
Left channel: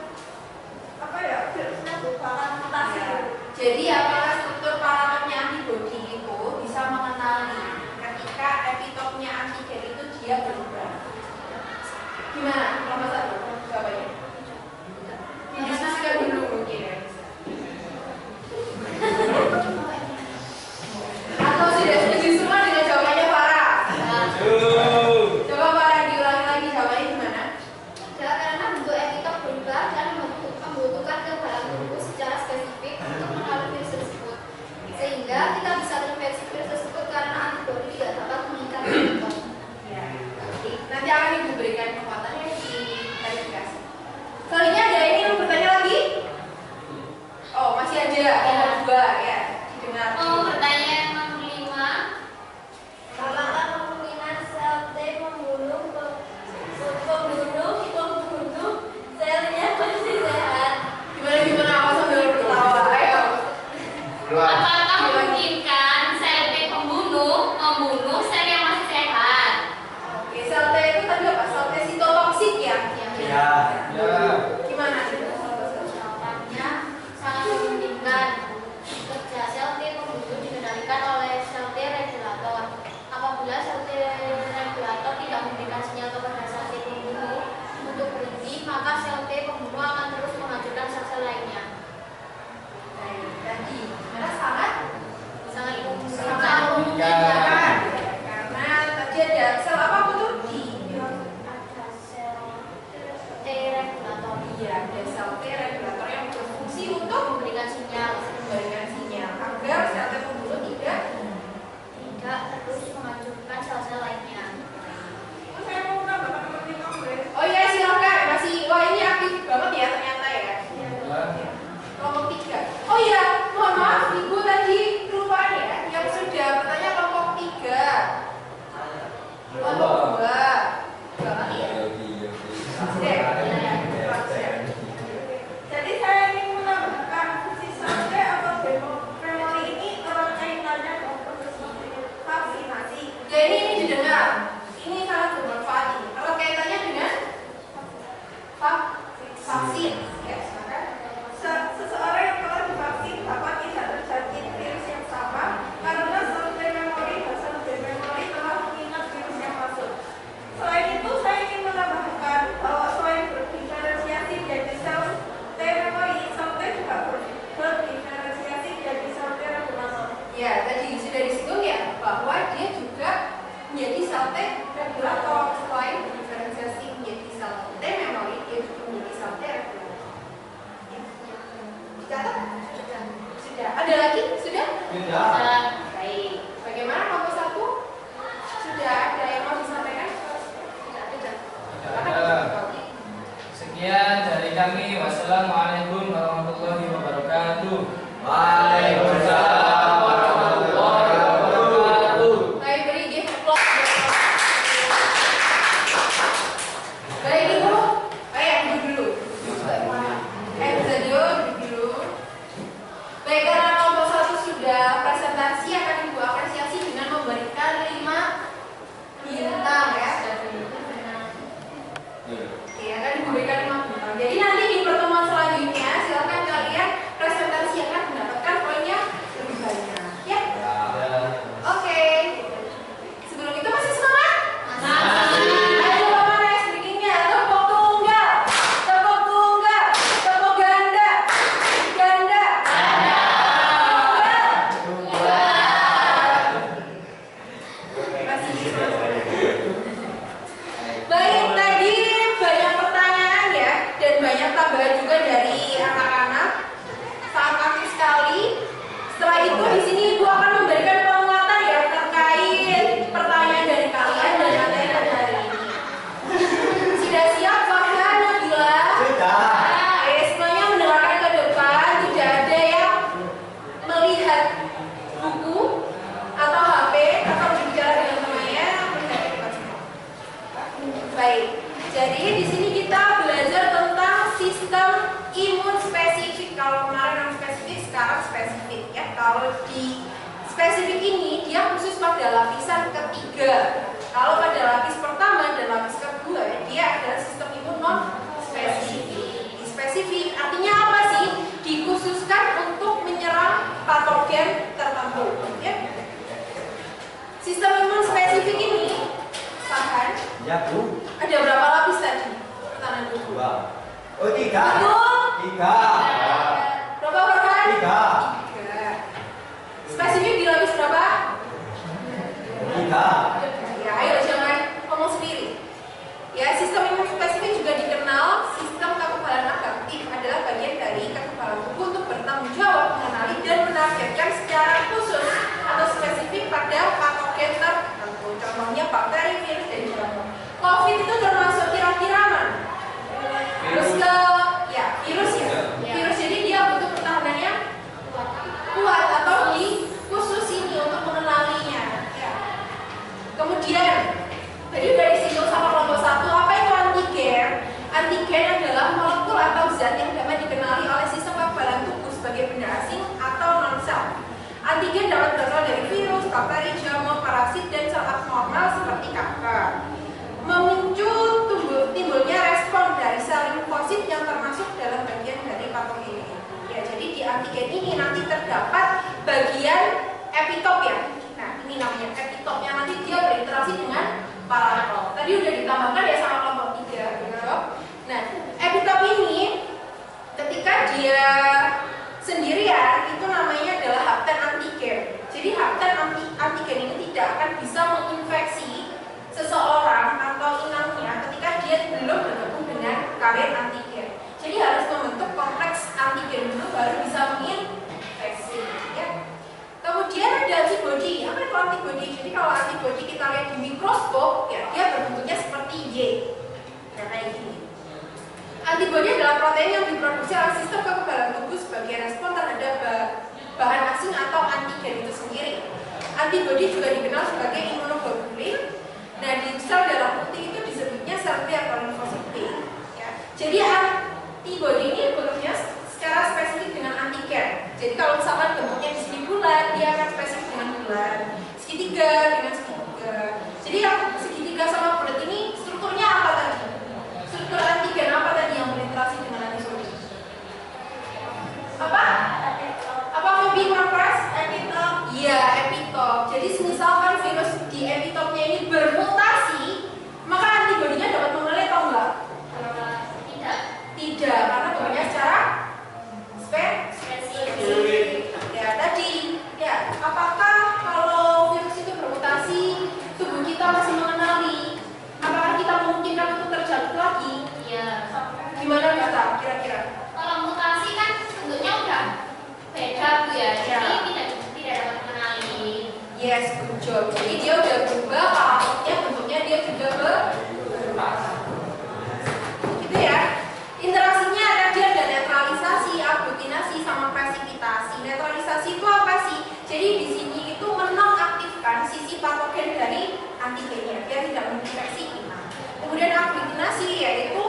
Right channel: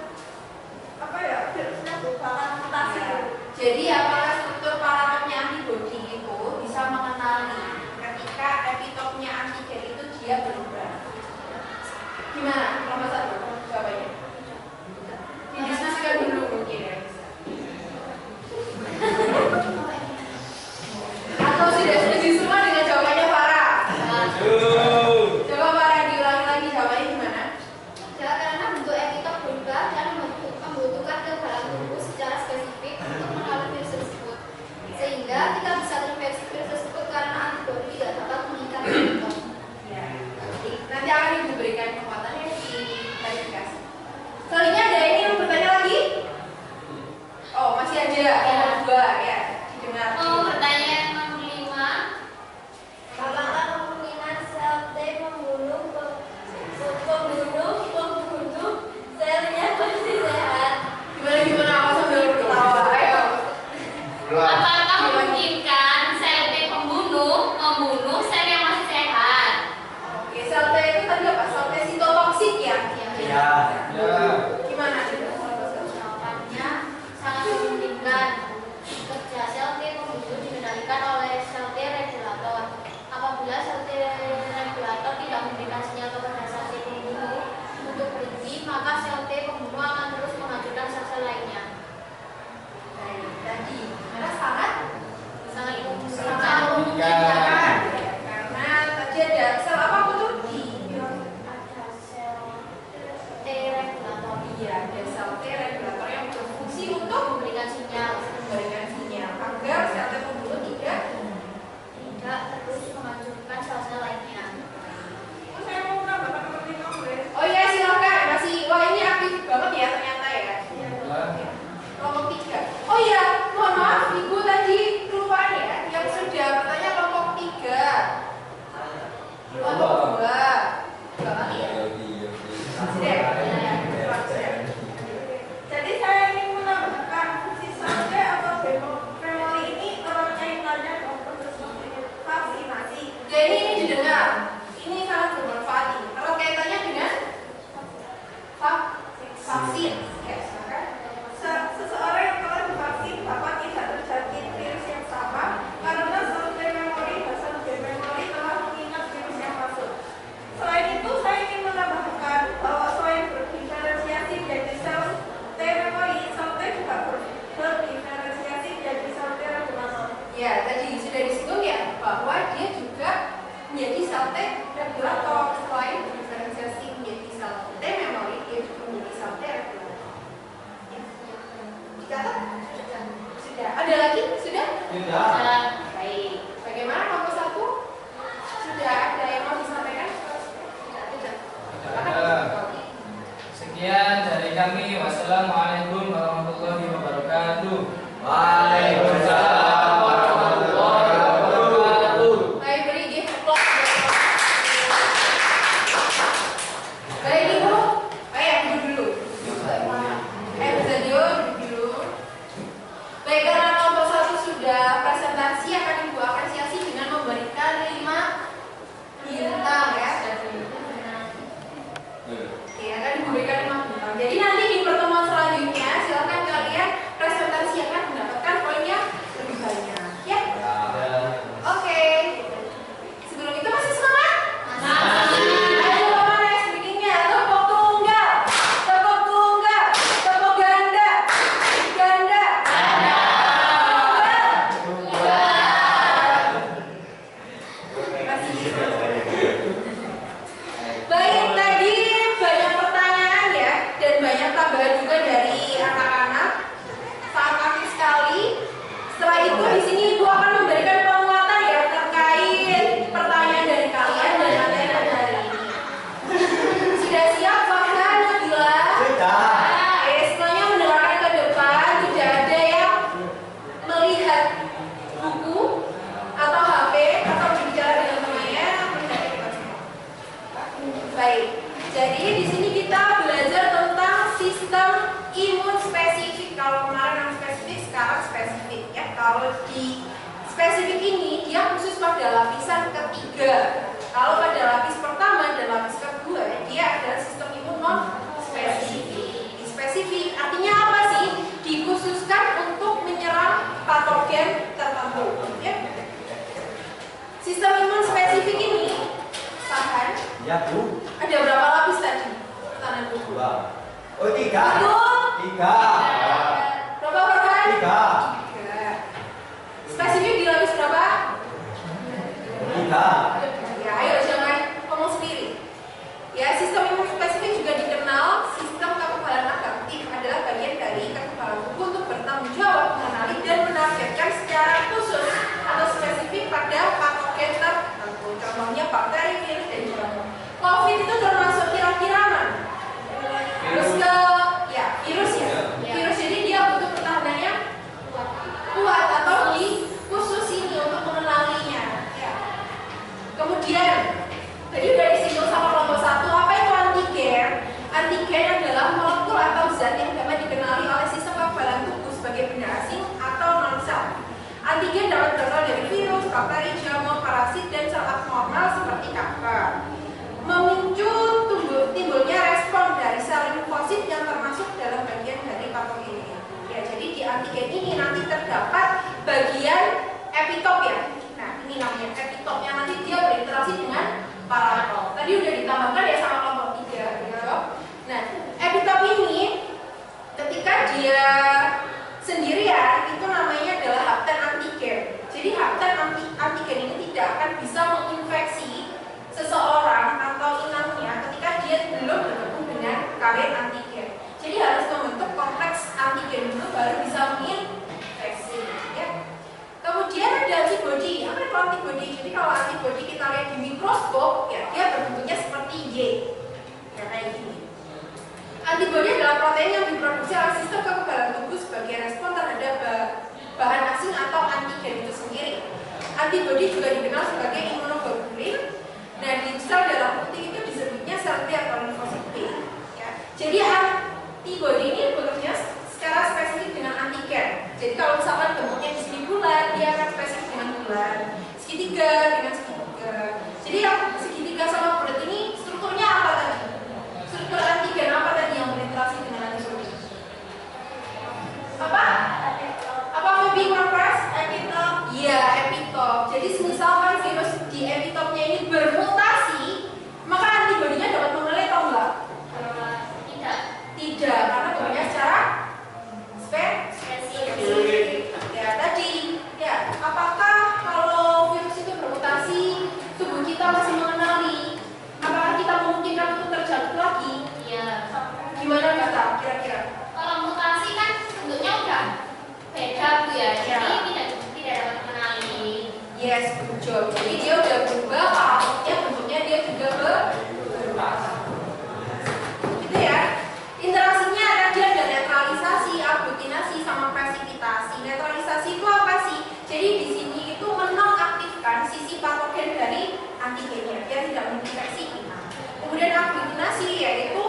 virusnya berubah mutasi? Jadi apakah struktur paratopnya antibodi itu bisa mengenali ketika epitopnya antigen itu dia berubah? Gimana? Kelompok 1 jawabannya? Didiskusikan dulu mungkin ya. Atau sudah setuju semua dengan jawabannya Farah? Coba Farah diulangi lagi jawabannya gimana? Tidak, karena bentuk epitop berubah dan membutuhkan kekebalan tubuh secara spesifik untuk mengenali virus tersebut, sehingga kita bisa terinfeksi virus tersebut karena antibodi tidak dapat mengikat epitop. Ya. Nanti akan Ibu berikan kekuatannya di verifikasi. Selanjutnya ada ini yang bertanya lagi? Oh, masih ada kelompok 2 ya. Didengar. Mau bertanya yang nomor 5. Apakah kemungkinan sel T membunuh selnya masih sehat? Gimana aku sambil ketawa? Ayo. Dua. Apakah memungkinkan sel T membunuh sel yang masih sehat? Oke, sel T itu tadi apa? Sel T sitotoksik ya? Ya. Ya. Gimana? Ya, tadi sudah disinggung ya bahwa dia juga menjadi sel T regulator. Selain diferensiasi menjadi sel T memori, dia juga menjadi sel T regulator. Ya. Dicatat? Sudah. Ada lagi? Sudah? Sudah. Baik. Bagaimana kelompok 1? Sudah ada yang mau disampaikan? Sudah. Sekian dari kami. Wassalamualaikum warahmatullahi wabarakatuh. Waalaikumsalam warahmatullahi wabarakatuh. Baik, beri give applause. Baik, Ibu. Ayo duduk dulu. Bisa duduk dulu. Baik, karena kelompok 1 sudah presentasi, akan Ibu apresiasi dengan memberikan 5 bintang ya. Oke, akan Ibu berikan 5 bintang. Jadi nanti di pertemuan selanjutnya silakan kalian presentasi akan mendapatkan poinnya lebih banyak. Ya. Oke. Sebelum itu masih semangat? Ayo Bapak naik sedikitnya. Tepuk tunggal, tepuk tunggal, tepuk ganda, ganda, Baik, tadi banyak pertanyaan ya, dan banyak tambahan juga dari anak-anak. Sangat aktif sekali. Setelah itu di sini Ibu akan memberikan penguatan ya terkait pertanyaan dari kalian dan materi pada hari ini. Sudah siap, Farhan, Nabila? Sudah. Oke, semuanya mendengarkan ke depan. Tidak ada yang melihat buku atau HP atau berbicara dengan temannya. Melihat ke depan semua. Baik, jadi di sini kita belajar tentang sistem imun spesifik. Kalau kemarin non spesifik, sekarang spesifik ya. Kalau di spesifik ini dia khusus pada lapisan ketiga. Kalau pada lapis pertama dan lapis kedua dia adalah sistem imun non spesifik. Di spesifik artinya apa sih? Dikhususkan untuk menyerang patogen tertentu. Ya. Sistem imun spesifik ini tahan. Ya, Bu. Ada berapa lapis tadi? Pertanyaan buku. 2. Oh, 3. Betul. 3. Berapa Farhan? 3. 3. Spesifik di lapis berapa? 3. Ya, ayo jangan ngomong sendiri. Ya, sistem imun spesifik juga dikenal sistem kekebalan adaptif adalah bagian dari kekebalan tubuh untuk bertanggung jawab mengenali dan menargetkan secara khusus atau spesifik pada patogen tertentu. Contohnya bakteri, virus, dan jamur. COVID itu termasuk kira-kira mana? Virus virus ya. Virus jadi dia butuh pertahanannya kuat atau di khusus ini untuk mengenalinya. Ya. Kemudian tadi udah disinggung sama kelompok 1, apa itu antigen? Antigen adalah molekul atau zat yang dapat dikenali oleh sistem kekebalan tubuh sebagai benda asing atau non-sel. Antigen dapat berasal dari virus, bakteri, jamur, parasit, dan sel abnormal seperti kanker. Memicu timbulnya respon dari sel limfosit yang termasuk dalam bagian dari patogen ini. Ya, jadi di antigen ini nanti terdapat bagian epitop ya. Nah, ini namanya epitop yang nanti dia berinteraksi dengan paralel. Tadi udah ditambahkan ya sama kelompok 3. Ya. Nah, epitop ini ketika dia sendirian itu namanya adalah hapten antigen. Jadi hapten antigen ini tidak akan bisa menginfeksi seseorang atau inangnya ketika dia belum bergabung dengan kawin antigen. Jadi harus membentuk kompleks antigen dulu baru bisa menginfeksi. Ya. Kemudian ada antibody. Apa itu antibody? Jadi kalau antibody kita lihat di mikroskop, ya dia berbentuknya seperti Y, ya kayak gini. Antibody adalah protein yang diproduksi oleh sistem kekebalan tubuh sebagai respon terhadap bahan asing atau antigen itu sendiri. Antibody juga dikenal sebagai imunoglobulin. Nah, di sel darah putih itu disebutnya sel T atau limfosit B. Ya. Jadi antibody ini bentuknya secara spesifik dengan antigen. Jadi kalau misalkan bentuknya di sini bulat, dia akan spesifik dengan bulat. Segitiga dengan segitiga. Jadi yang segitiga sama bulat ini strukturnya apa tadi? Struktur antigen apa tadi yang berinteraksi dengan antibody? Apa? Apa lebih kompres? Epitop. Iya, epitop. Jadi misalkan virus di epitopnya ini bermutasi, maka antibodinya dapat mengelit atau enggak? Tidak, karena bentuknya secara spesifik. Ya, tadi. Ya, apa Yes, good job. Jadi dia udah berubah, paratonya bentuknya dia juga berubah. Gitu ya. Interaksinya tadi ada netralisasi, aglutinasi, sama presipitasi. Netralisasi itu apa sih? Jadi di sini itu menonaktifkan sisi patogen dari antigennya biar tidak menginfeksi kita. Kemudian aglutinasi yaitu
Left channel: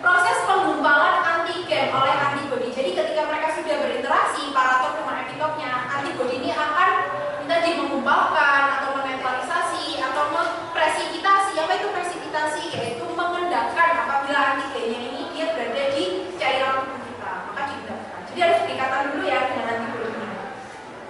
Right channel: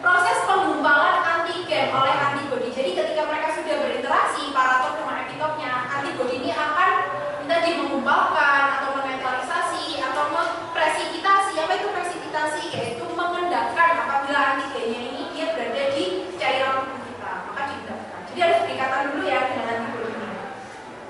proses penggumpalan antigen oleh antibodi. Jadi ketika mereka sudah berinteraksi parator dengan epitopnya, antibodi ini akan tadi menggumpalkan atau menetralisasi atau mempresipitasi. Apa itu presipitasi? Yaitu mengendapkan apabila antigennya ini dia berada di cairan tubuh kita, maka diendapkan. Jadi harus berikatan dulu ya dengan antibodinya.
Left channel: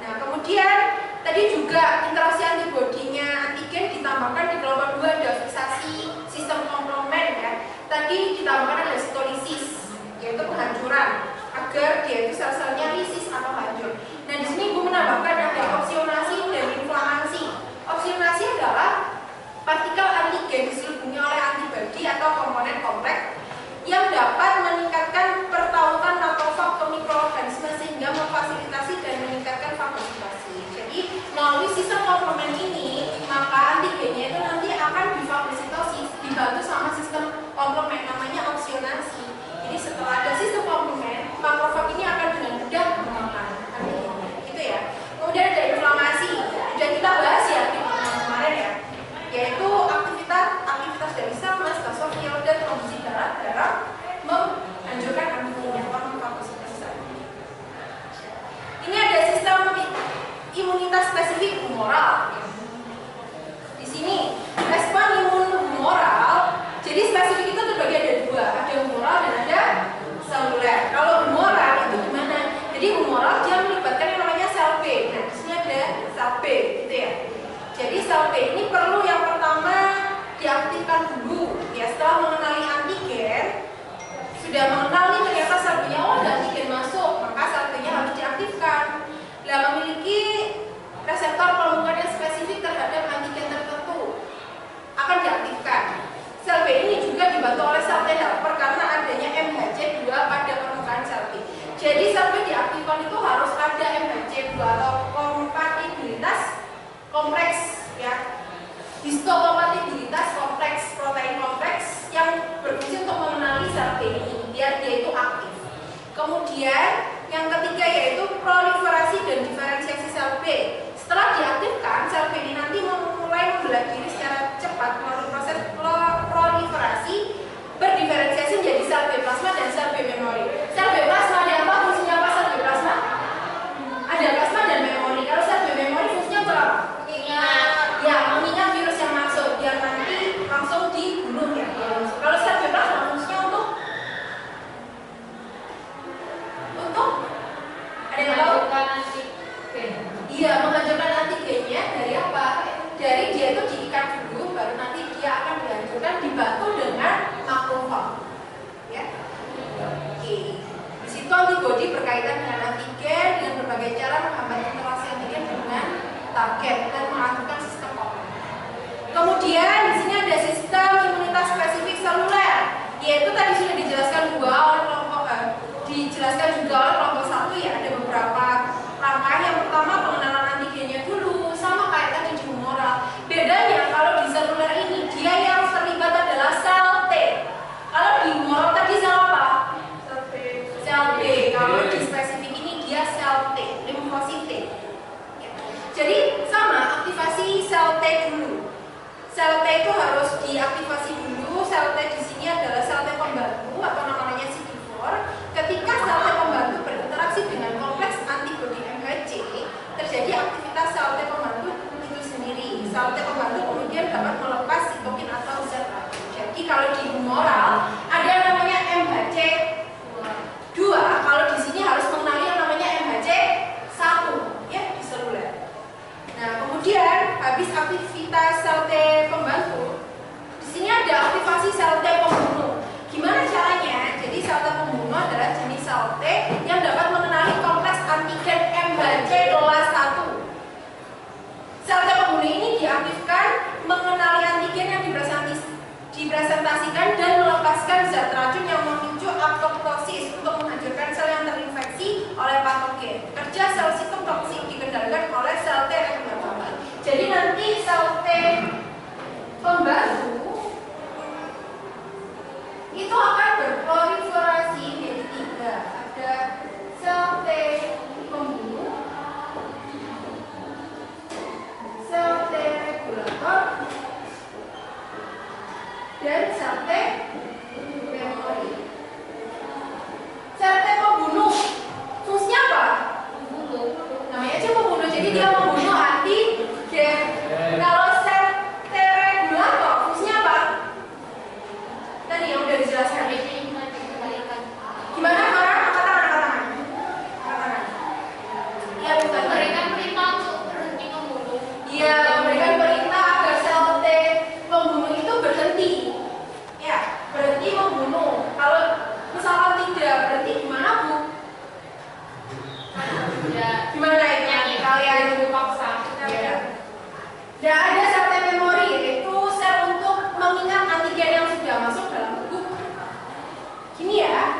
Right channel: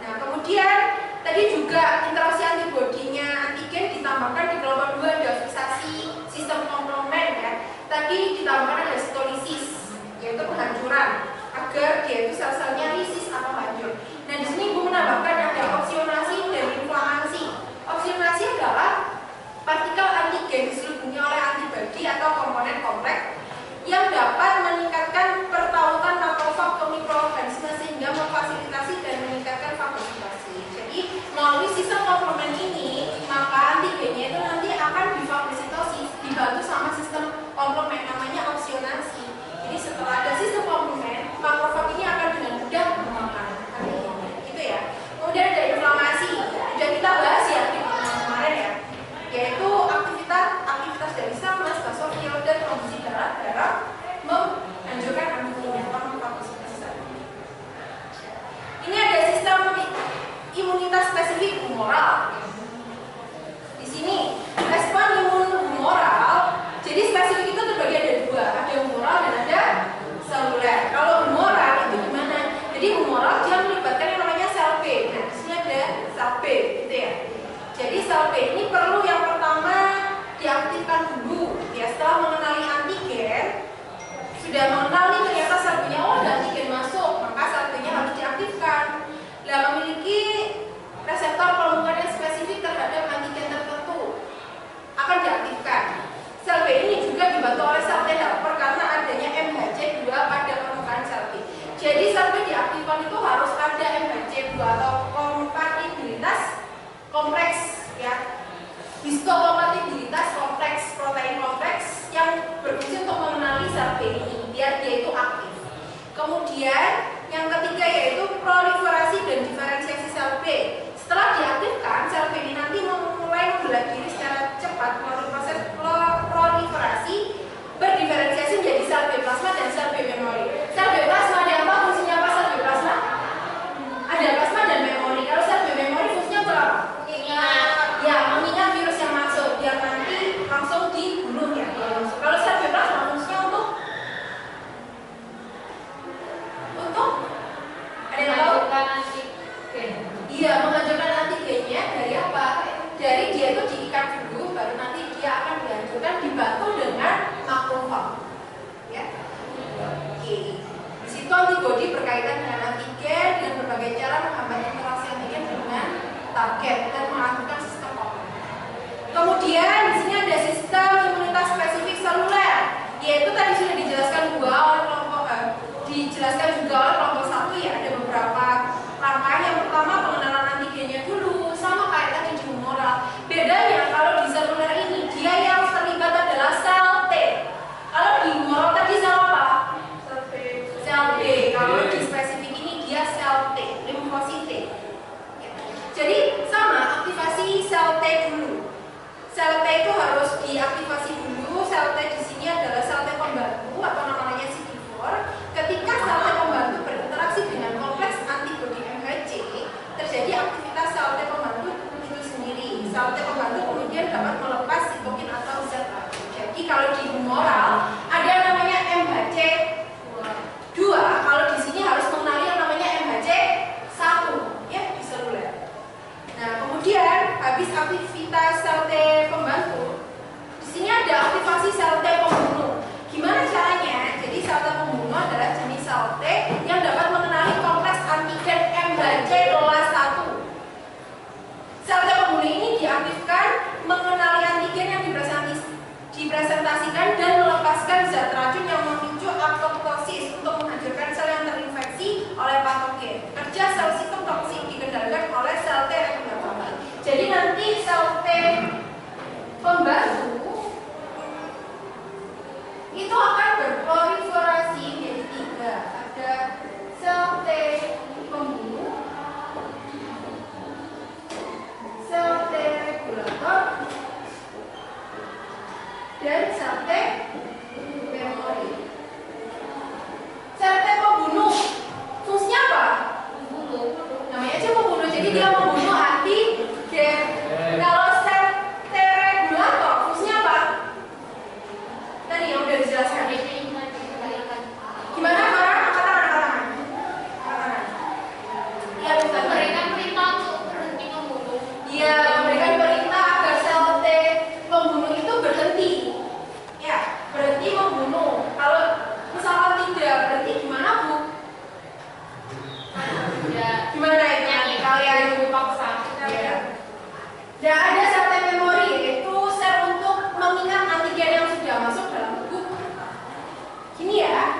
Nah kemudian tadi juga interaksi antibodinya antigen ditambahkan di kelompok 2 ada fiksasi sistem komplement ya. Tadi ditambahkan ada stolisis, yaitu penghancuran agar dia itu sel-selnya lisis atau hancur. Nah di sini Ibu menambahkan ada opsionasi dan inflamasi. Opsionasi adalah partikel antigen diselubungi oleh antibodi atau komponen kompleks yang dapat meningkatkan pertautan makrofag ke mikroorganisme sehingga memfasilitasi dan meningkatkan fagositasi. Jadi melalui sistem komplement ini maka antigennya itu nanti akan difagositosis dibantu sama sistem komplement namanya opsionasi. Jadi setelah ada sistem komplement makrofag ini akan dengan mudah memakan antigennya. Gitu ya. Kemudian ada inflamasi. Sudah kita bahas ya di kemarin ya. Yaitu aktivitas dari sel basofil dan trombosit darah menghancurkan antigennya atau memfagositasi. Ini ada sistem imunitas spesifik humoral. Di sini respon imun humoral. Jadi spesifik itu terbagi ada 2, ada humoral dan ada seluler. Kalau humoral itu gimana? Jadi humoral dia melibatkan yang namanya sel B. Nah, di sini ada sel B, gitu ya. Jadi sel B ini perlu yang pertama diaktifkan dulu. Ya, setelah mengenali antigen, sudah mengenali ternyata sel B-nya ada antigen masuk, maka sel B-nya harus diaktifkan. Nah, memiliki reseptor pelumpukan yang spesifik terhadap antigen tertentu akan diaktifkan. Sel B ini juga dibantu oleh sel T helper karena adanya MHC2 pada permukaan sel B. Jadi sel B diaktifkan itu harus ada MHC2 atau kompatibilitas kompleks ya. Histokompatibilitas kompleks, protein kompleks yang berfungsi untuk mengenali sel B ini biar dia itu aktif. Kemudian yang ketiga yaitu proliferasi dan diferensiasi sel B. Setelah diaktifkan, sel B ini nanti mulai membelah diri secara cepat melalui proses proliferasi berdiferensiasi menjadi sel B plasma dan sel B memori. Sel B plasma ada apa? Fungsinya apa sel B plasma? Ada plasma dan memori. Kalau sel B memori fungsinya apa? Ya, mengingat virus yang masuk biar nanti langsung dibunuh ya. Kalau sel B plasma fungsinya untuk ada yang tahu? Iya, menghancurkan antigennya dari apa? Dari dia itu diikat dulu, baru nanti dia akan dihancurkan dibantu dengan makrofag. Ya. Oke. Di situ antibodi berkaitan dengan antigen dengan berbagai cara menghambat interaksi antigen dengan target dan mengaktifkan sistem komplement. Kemudian di sini ada sistem imunitas spesifik seluler, yaitu tadi sudah dijelaskan juga oleh kelompok 1 ya, ada beberapa langkah. Yang pertama pengenalan antigennya dulu, sama kayak tadi di humoral. Bedanya kalau di seluler ini dia yang terlibat adalah sel T. Kalau di humoral tadi sel apa? Sel B. Kalau di spesifik ini dia sel T, limfosit T. Jadi sama aktivasi sel T dulu. Sel T itu harus diaktifasi dulu. Sel T di sini adalah sel T pembantu atau namanya CD4. Ketika sel T pembantu berinteraksi dengan kompleks antibodi MHC, terjadi aktivitas sel T pembantu itu sendiri. Sel T pembantu kemudian dapat melepas sitokin atau zat aktif. Jadi kalau di humoral ada namanya MHC2. Kalau di sini harus mengenali yang namanya MHC1 ya di seluler. Nah, kemudian habis aktivitas sel T pembantu, di sini ada aktivasi sel T pembunuh. Gimana caranya? Jadi sel T pembunuh adalah jenis sel T yang dapat mengenali kompleks antigen MHC kelas 1. Sel T pembunuh ini diaktifkan mengenali antigen yang dipresentasikan dan melepaskan zat racun yang memicu apoptosis untuk menghancurkan sel yang terinfeksi oleh patogen. Kerja sel sistem toksik dikendalikan oleh sel T regulatory. Jadi memori. Sel T pembunuh. Fungsinya apa? Namanya aja pembunuh. Jadi dia membunuh antigen. Kalau sel T regulator fungsinya apa? Tadi yang udah dijelaskan. Gimana? Angkat tangan. Iya, betul. Memberikan perintah untuk berhenti membunuh. Iya, memberikan perintah agar sel T pembunuh itu berhenti. Ya, berhenti membunuh. Kalau misalkan tidak berhenti gimana, Bu? Gimana itu nanti kalian paksa? Ya. Dan ada sel T memori, yaitu sel untuk mengingat antigen yang sudah masuk dalam tubuh. Gini ya.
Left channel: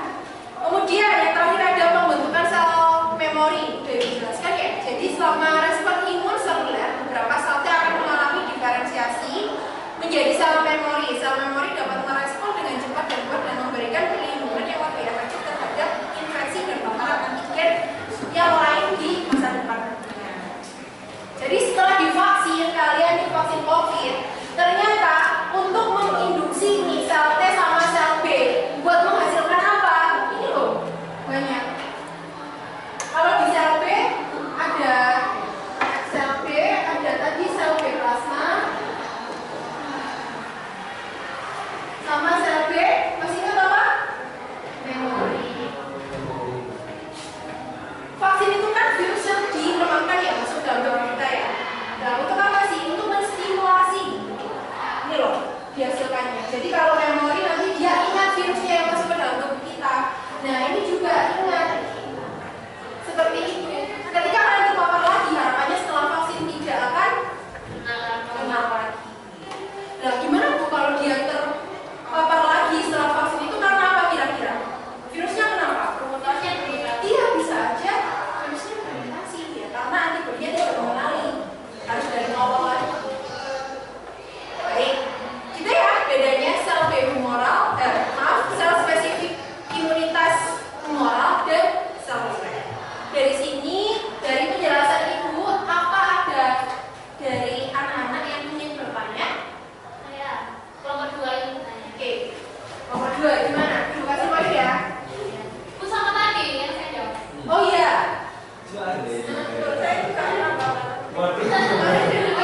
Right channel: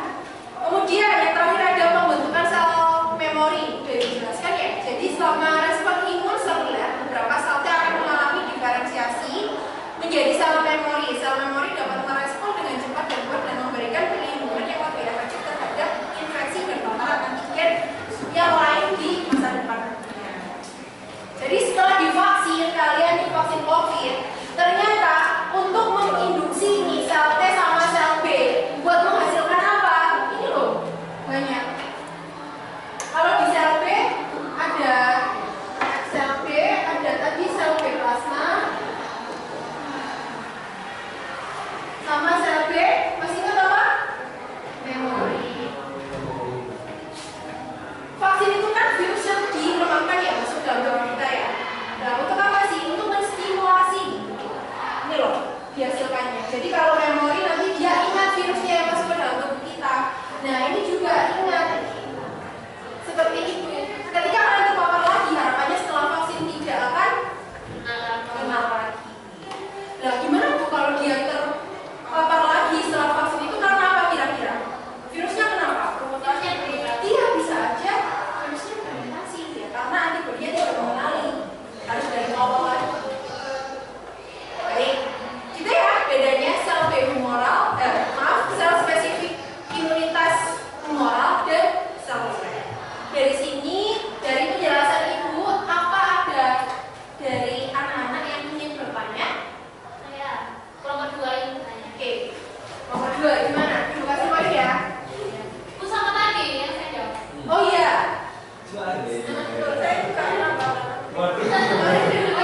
Kemudian yang terakhir ada pembentukan sel memori. Udah dijelaskan ya. Jadi selama respon imun seluler, beberapa sel T akan mengalami diferensiasi menjadi sel memori. Sel memori dapat merespon dengan cepat dan kuat dan memberikan perlindungan yang lebih efektif terhadap infeksi dan paparan antigen yang lain di masa depan nantinya. Jadi setelah divaksin, kalian divaksin COVID, ternyata untuk menginduksi nih sel T sama sel B buat menghasilkan apa? Ini loh, banyak. Kalau di sel B ada tadi sel B plasma sama sel B, masih ingat apa? Memori. Vaksin itu kan virus yang dilemahkan ya masuk dalam tubuh kita ya. Nah, untuk apa sih? Untuk menstimulasi. Ini loh dihasilkannya. Jadi kalau memori nanti dia ingat virusnya yang masuk ke dalam tubuh kita. Nah, ini juga ingat seperti itu. Ketika kalian terpapar lagi, harapannya setelah vaksin tidak akan kenal lagi. Nah, gimana tuh kalau dia terpapar lagi setelah vaksin itu karena apa kira-kira? Virusnya kenapa? Iya, bisa aja virusnya fermentasi ya, karena antibodinya tidak mengenali, harus dari awal lagi. Baik, kita ya bedanya sel B humoral, sel spesifik imunitas humoral dan sel T. Dari sini, dari penjelasan Ibu, apa ada dari anak-anak yang ingin bertanya? Kelompok 2 ini tanya. Oke, nomor 2 gimana? Ibu kasih poin ya. Bu sama tadi yang saya jawab. Oh iya. Saya juga kenapa? Oh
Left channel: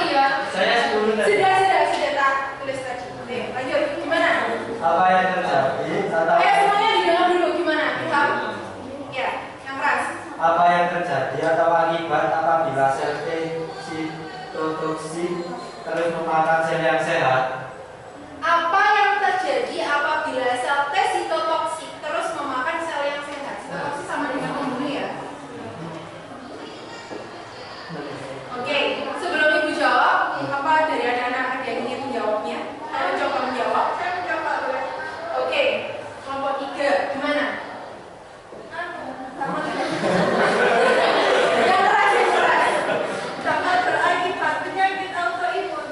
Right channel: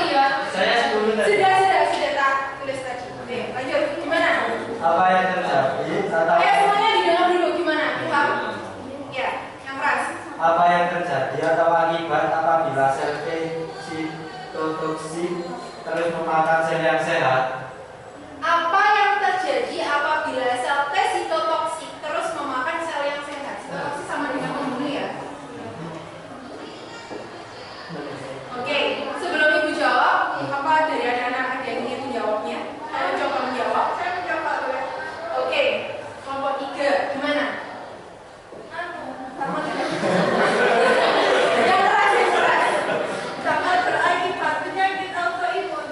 iya. Saya 10 tadi. Sudah tak tulis tadi. Oke, lanjut. Gimana? Apa yang terjadi saat Semuanya didengar dulu gimana? Ilham? Ya, yang keras. apa yang terjadi atau akibat apabila sel T sitotoksik terus memakan sel yang sehat? Apa yang terjadi apabila sel T sitotoksik terus memakan sel yang sehat? Sitotoksik sama dengan pembunuh ya? Oke, sebelum Ibu jawab, apa dari anak-anak ada yang ingin menjawabnya? Ayo coba menjawab. Saya menjawab ya. Oke, kelompok 3 gimana? Sama Yang keras. sangat berakibat penyakit autoimun.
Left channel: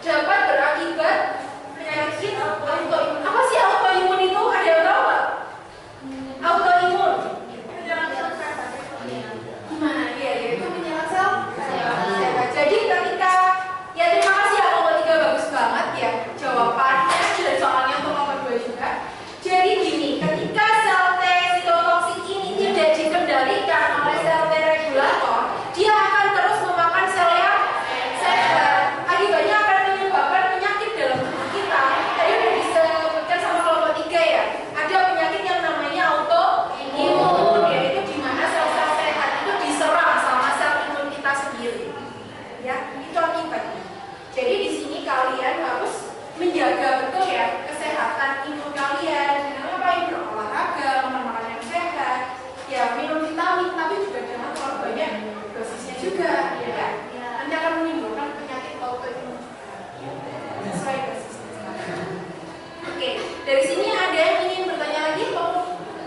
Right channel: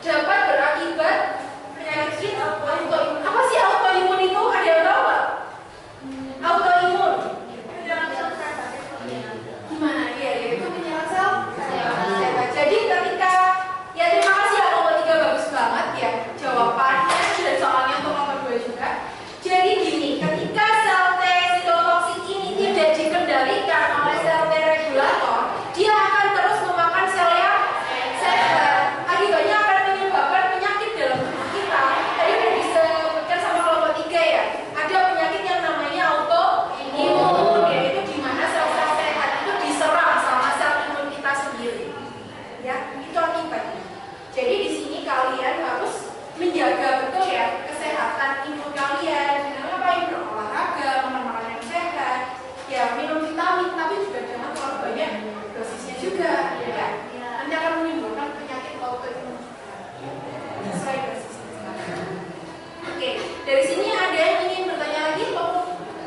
Dapat berakibat penyakit autoimun. Apa sih autoimun itu? Ada yang tahu nggak? Autoimun Penyerang sel sehat. gimana? Iya, itu penyerang sel sehat. Jadi ketika ya terima kasih ya kelompok 3 bagus banget ya jawabannya dan soalnya untuk kelompok 2 juga. Jadi gini, ketika sel T sitotoksik ini tidak dikendalikan oleh sel T regulator, dia akan terus memakan sel yang sehat. Akibatnya akan menyebabkan penyakit dalam tubuh kita. Tadi udah disebutkan sama kelompok 3 ya. Ada penyakit yang namanya autoimun, yaitu di mana sel-sel sehat itu diserang sama sel imun kita sendiri. Ya, itu akibatnya. Jadi di sini kalian harus menjaga betul ya kesehatan imun kalian. Ngapain berolahraga, makan makanan yang sehat, ya minum vitamin, tapi juga jangan terlalu banyak dosisnya juga, ya. Nanti akan menimbulkan penyakit autoimun. Sesuai dosisnya. Oke, dari sini ada yang ingin bertanya lagi?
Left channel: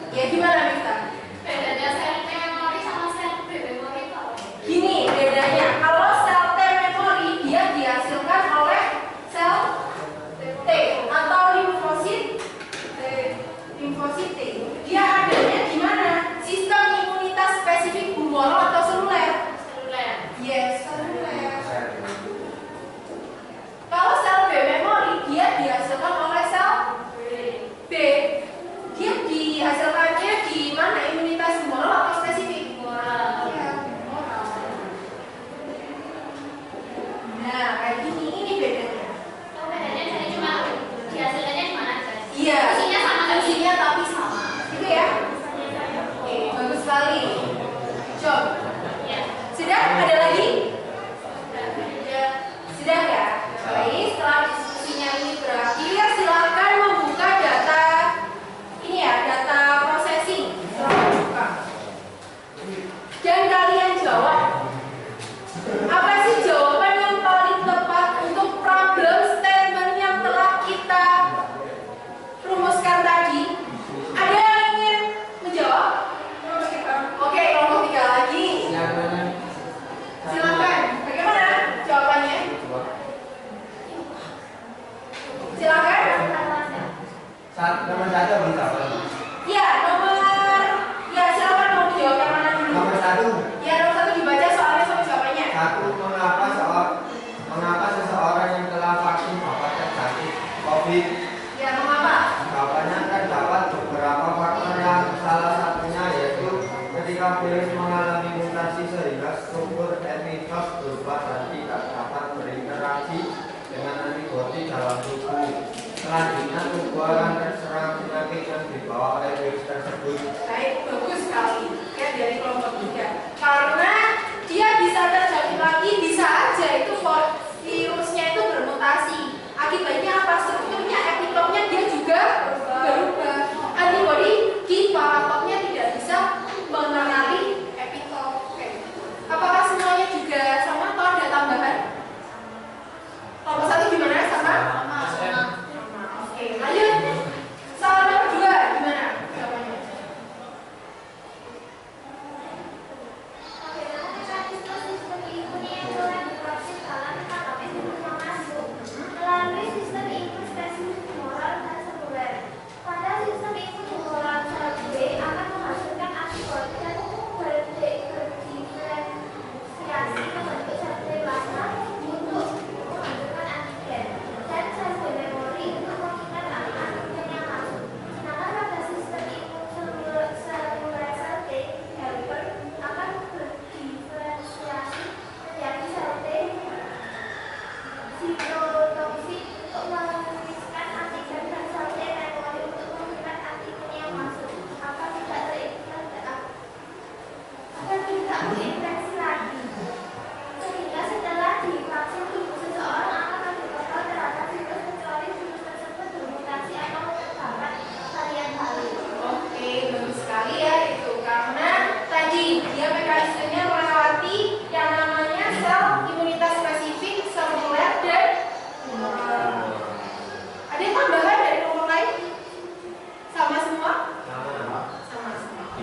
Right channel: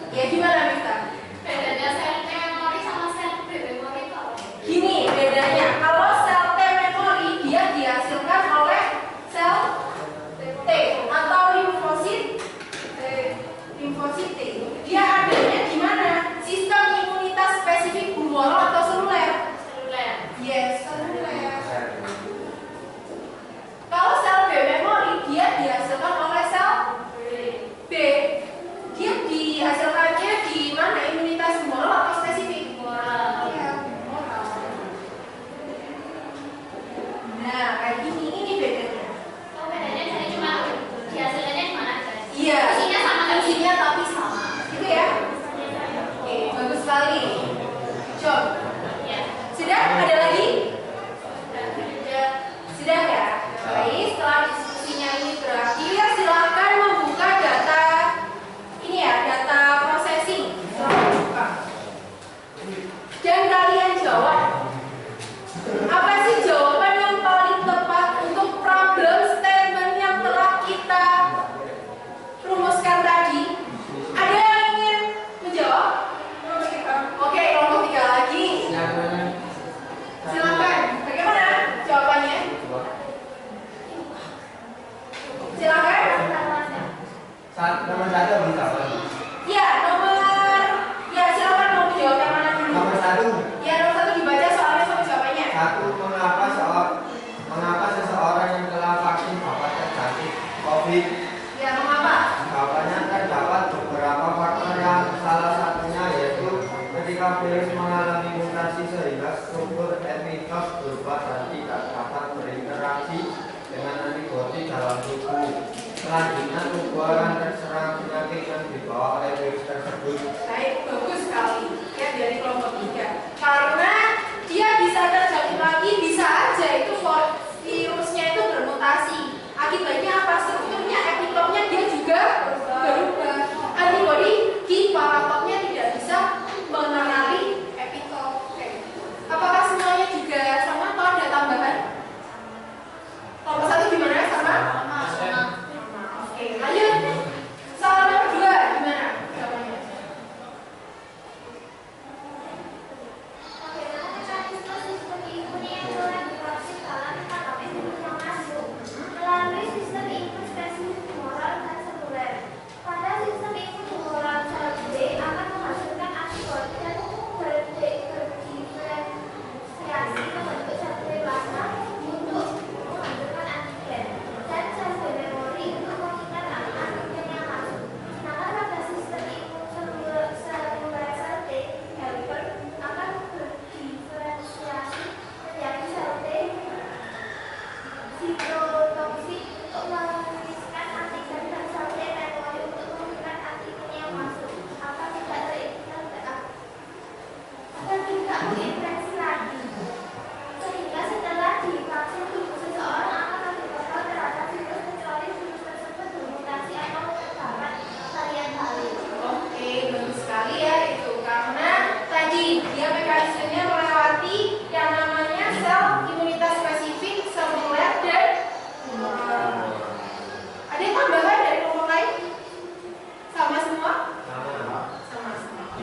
Ya gimana Mita? Bedanya sel T memori sama sel B memori itu apa? Gini bedanya, kalau sel T memori dia dihasilkan oleh sel T atau limfosit T. Dia adanya di mana? Sistem imunitas spesifik humoral atau seluler? Yes, seluler. Kalau sel B memori dia dihasilkan oleh sel mengapa seseorang yang telah vaksin dapat terjangkit COVID? Ya, mengapa? Jawabannya terdapat beberapa faktor yang salah satunya yaitu ketika virus mengalami mutasi sehingga struktur epitops berubah dan tidak dapat berinteraksi dengan antibodi dalam tubuh. Selanjutnya tubuh akan terserang penyakit yang dibawa oleh virus tersebut. Baik, bagus sekali ya dari kelompok 3. Karena dia bisa terjangkit lagi, bisa aja itu virusnya itu bermutasi. Akibatnya apa? Strukturnya, epitopnya dia juga berubah. Antibodi di parapotnya tidak bisa mengenali epitop. Oke. Apakah semuanya juga sama atau ada tambahan? Kelompok 1 gimana? Sama? Sama. Oke, lanjut. Soal nomor 2 gimana jawabannya? Melalui sistem input spesifik humoral dan seluler. Pada sistem input humoral sel B akan menghasilkan antibodi dan berdiferensiasi ke bentuk sel B plasma untuk menghasilkan antigen dan sel B memori untuk mengingat antigen yang masuk. Sedangkan pada sistem input seluler sel T helper akan berdiferensiasi menjadi sel T sitotoksik untuk menuliskan antigen dan sel T memori untuk mengingat antigen yang masuk agar tidak terinfeksi lagi. Sehingga setelah divaksin tubuh seseorang akan lebih kebal terhadap virus kecuali virus tersebut bermutasi atau terdapat varian baru. Oke, bagus sekali ya itu. Karena tadi dia mekanismenya melewati yang namanya sel imunitas spesifik, seluler, dan humoral. Ada tambahan dari kelompok lain? Sama semua? Sama semua.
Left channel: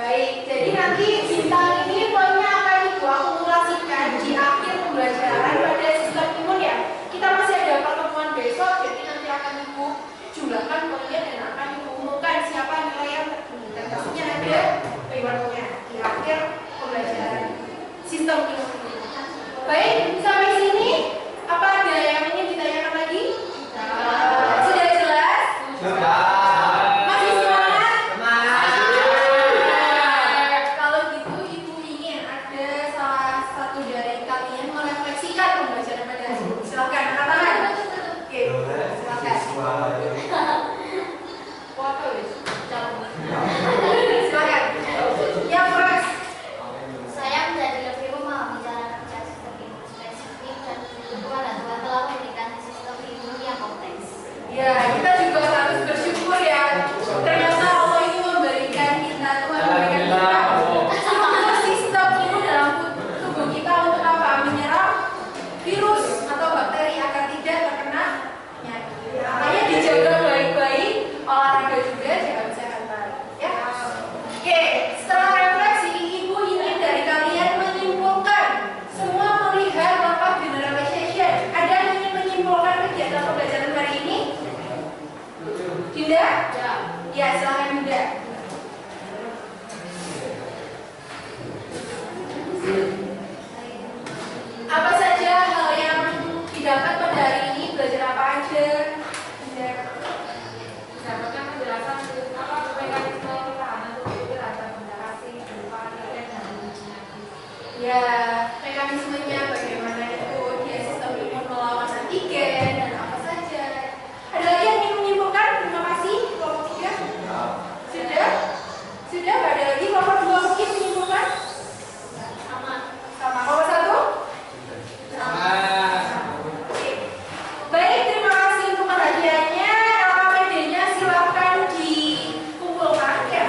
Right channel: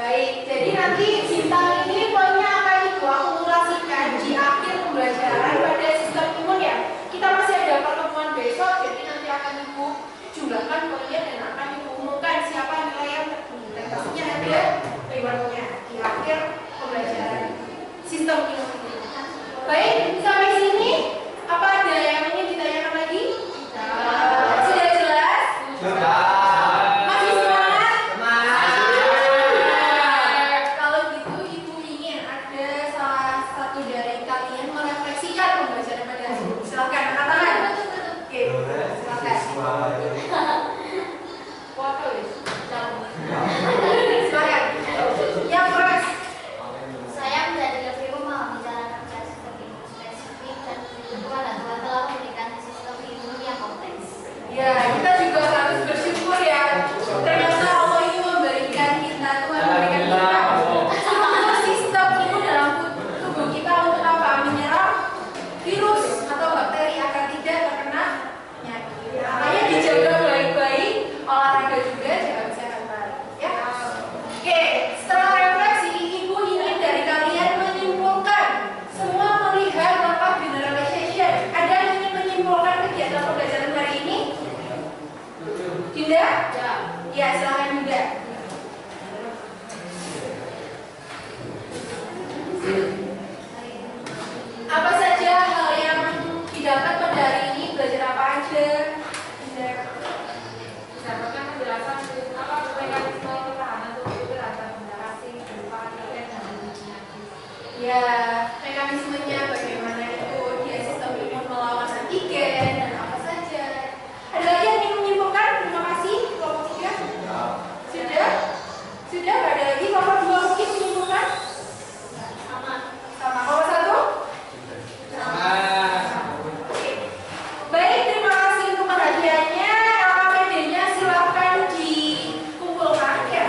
Baik, jadi nanti bintang ini poinnya akan Ibu akumulasikan di akhir pembelajaran pada sistem imun ya. Kita masih ada pertemuan besok, jadi nanti akan Ibu jumlahkan poinnya dan akan Ibu umumkan siapa nilai yang tertinggi. Dan pastinya ada rewardnya di akhir pembelajaran sistem imun ini. Baik, sampai sini apa ada yang ingin ditanyakan lagi? Sudah jelas? Sudah. Masih semangat? Kalau gitu Ibu ingin ada salah satu dari kalian merefleksikan pembelajaran pada hari ini. Silakan angkat tangan. Oke, silakan. Foto wis. Silakan. Yang keras. Saya menjadi lebih memahami cara kerja sistem imun spesifik dan Tuhan telah memberikan sistem imun yang kompleks. Ya, kita juga harus bersyukur ya. Ternyata Allah itu memberikan kita, Tuhan memberikan kita struktur sistem imun dalam tubuh kita untuk apa? Menyerang virus atau bakteri agar tidak terkena penyakit. Makanya dijaga baik-baik, olahraga juga, jaga kesehatan. Ya. Oke, setelah refleksi, Ibu ingin dari kalian menyimpulkan semua melihat rapat generalization. Ada yang ingin menyimpulkan kegiatan pembelajaran hari ini? Dinda? Ya, silakan Dinda. Apa saja hal yang didapat pada hari ini? Belajar apa aja? Dinda. Dapatkan penjelasan apa mekanisme pertahanan tubuh terhadap benda asing berupa antigen dan penyakit. Ya, mekanismenya bagaimana itu dia sistem imun melawan antigen dan apa saja. Ada lagi yang ingin menyimpulkan? Terima kasih. Kelompok 3? Sudah? Sudah? Gak ada lagi? Kelompok 2 mungkin menyimpulkan? Sama. Kelompok 1? Oke. Baik, terima kasih untuk perhatiannya. LKPD-nya silakan dikumpulkan ya.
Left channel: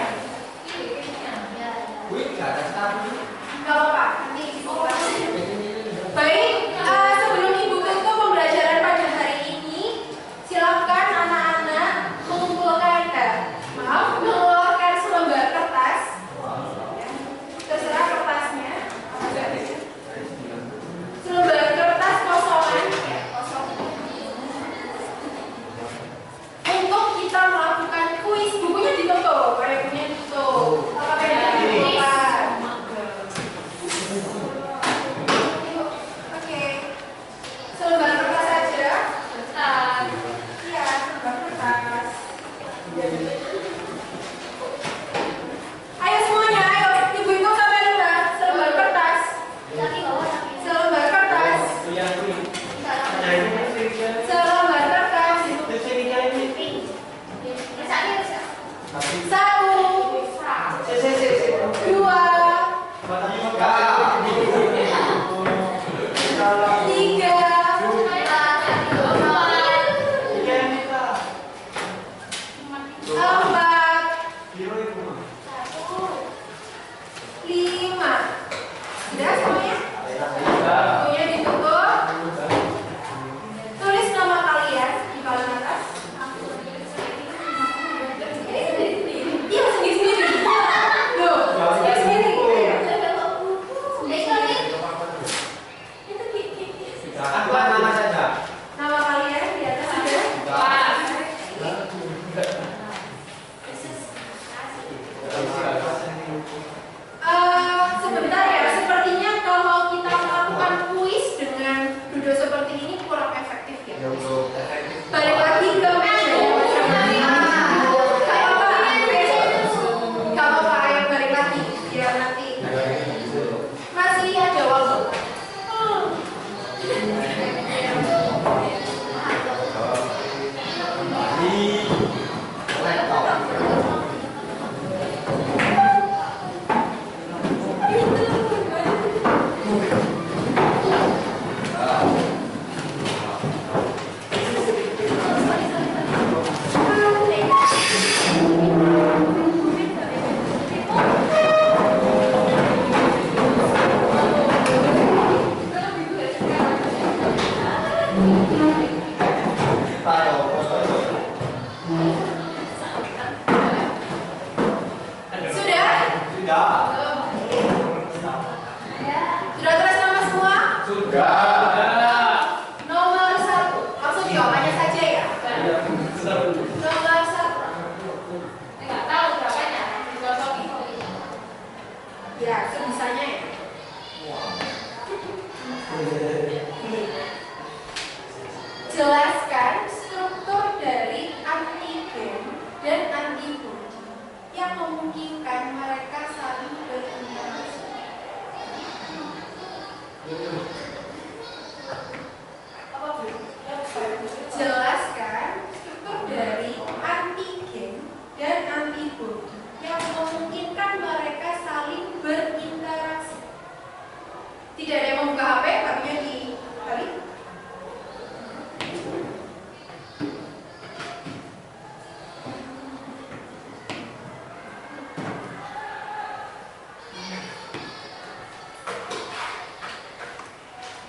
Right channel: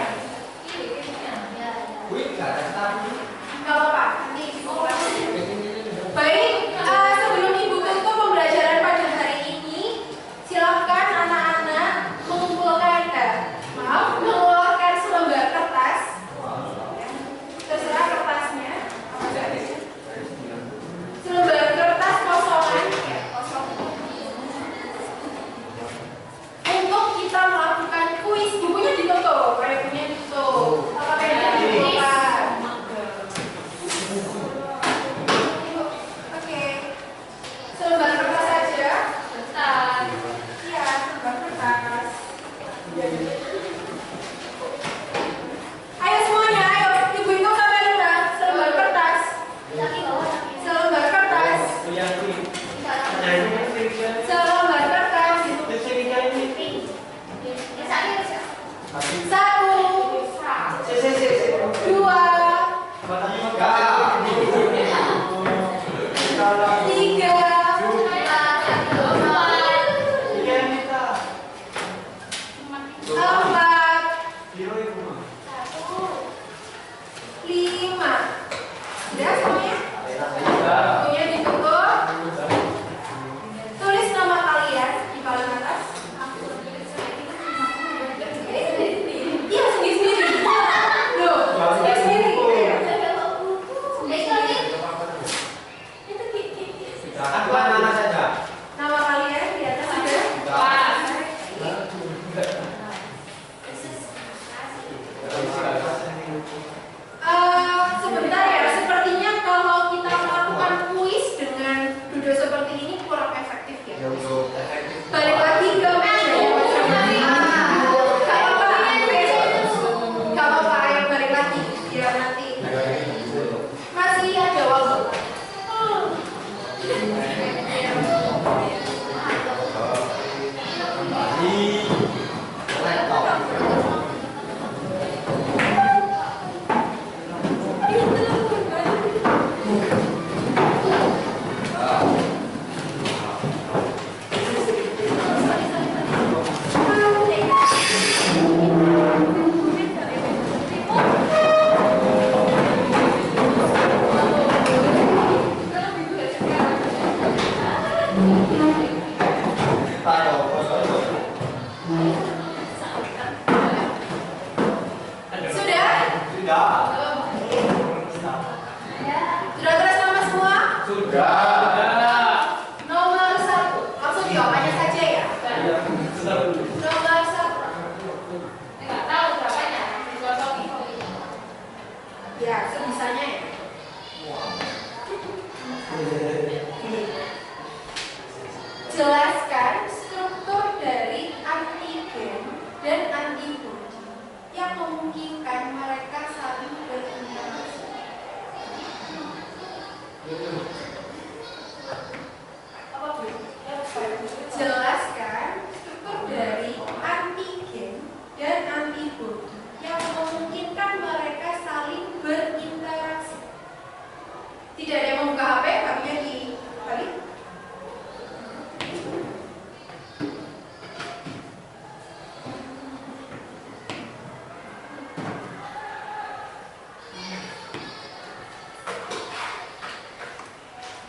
Gak apa-apa, nanti dikumpulkan. Baik, Bukunya ditutup. Tulis nama kalian di paling atas. Ini sendiri-sendiri. Iya, sendiri-sendiri. Loh, sendiri-sendiri. Apa nama saja? Nama kalian di atas ada. Sebentar ya, sepertinya kalau kita melakukan kuis dengan duduk seperti ini kurang efektif ya. Balik lagi ke meja ya, Gak apa-apa, ayo balik lagi biar nanti masih ada waktu. Sudah? Sudah tulis nama semua? Nomor 1. Langsung jawabannya saja ya. Nomor 1. Nggak tahu berapanya, dikosongin. Ya, sebisanya ya. Jelaskan struktur dari antigen dan antibodi yang memungkinkan mereka saling berinteraksi. Apa Bu? Jelaskan struktur dari antigen dan antibodi yang memungkinkan mereka saling berinteraksi. Tidak ada yang membuka HP, HP-nya dibalik.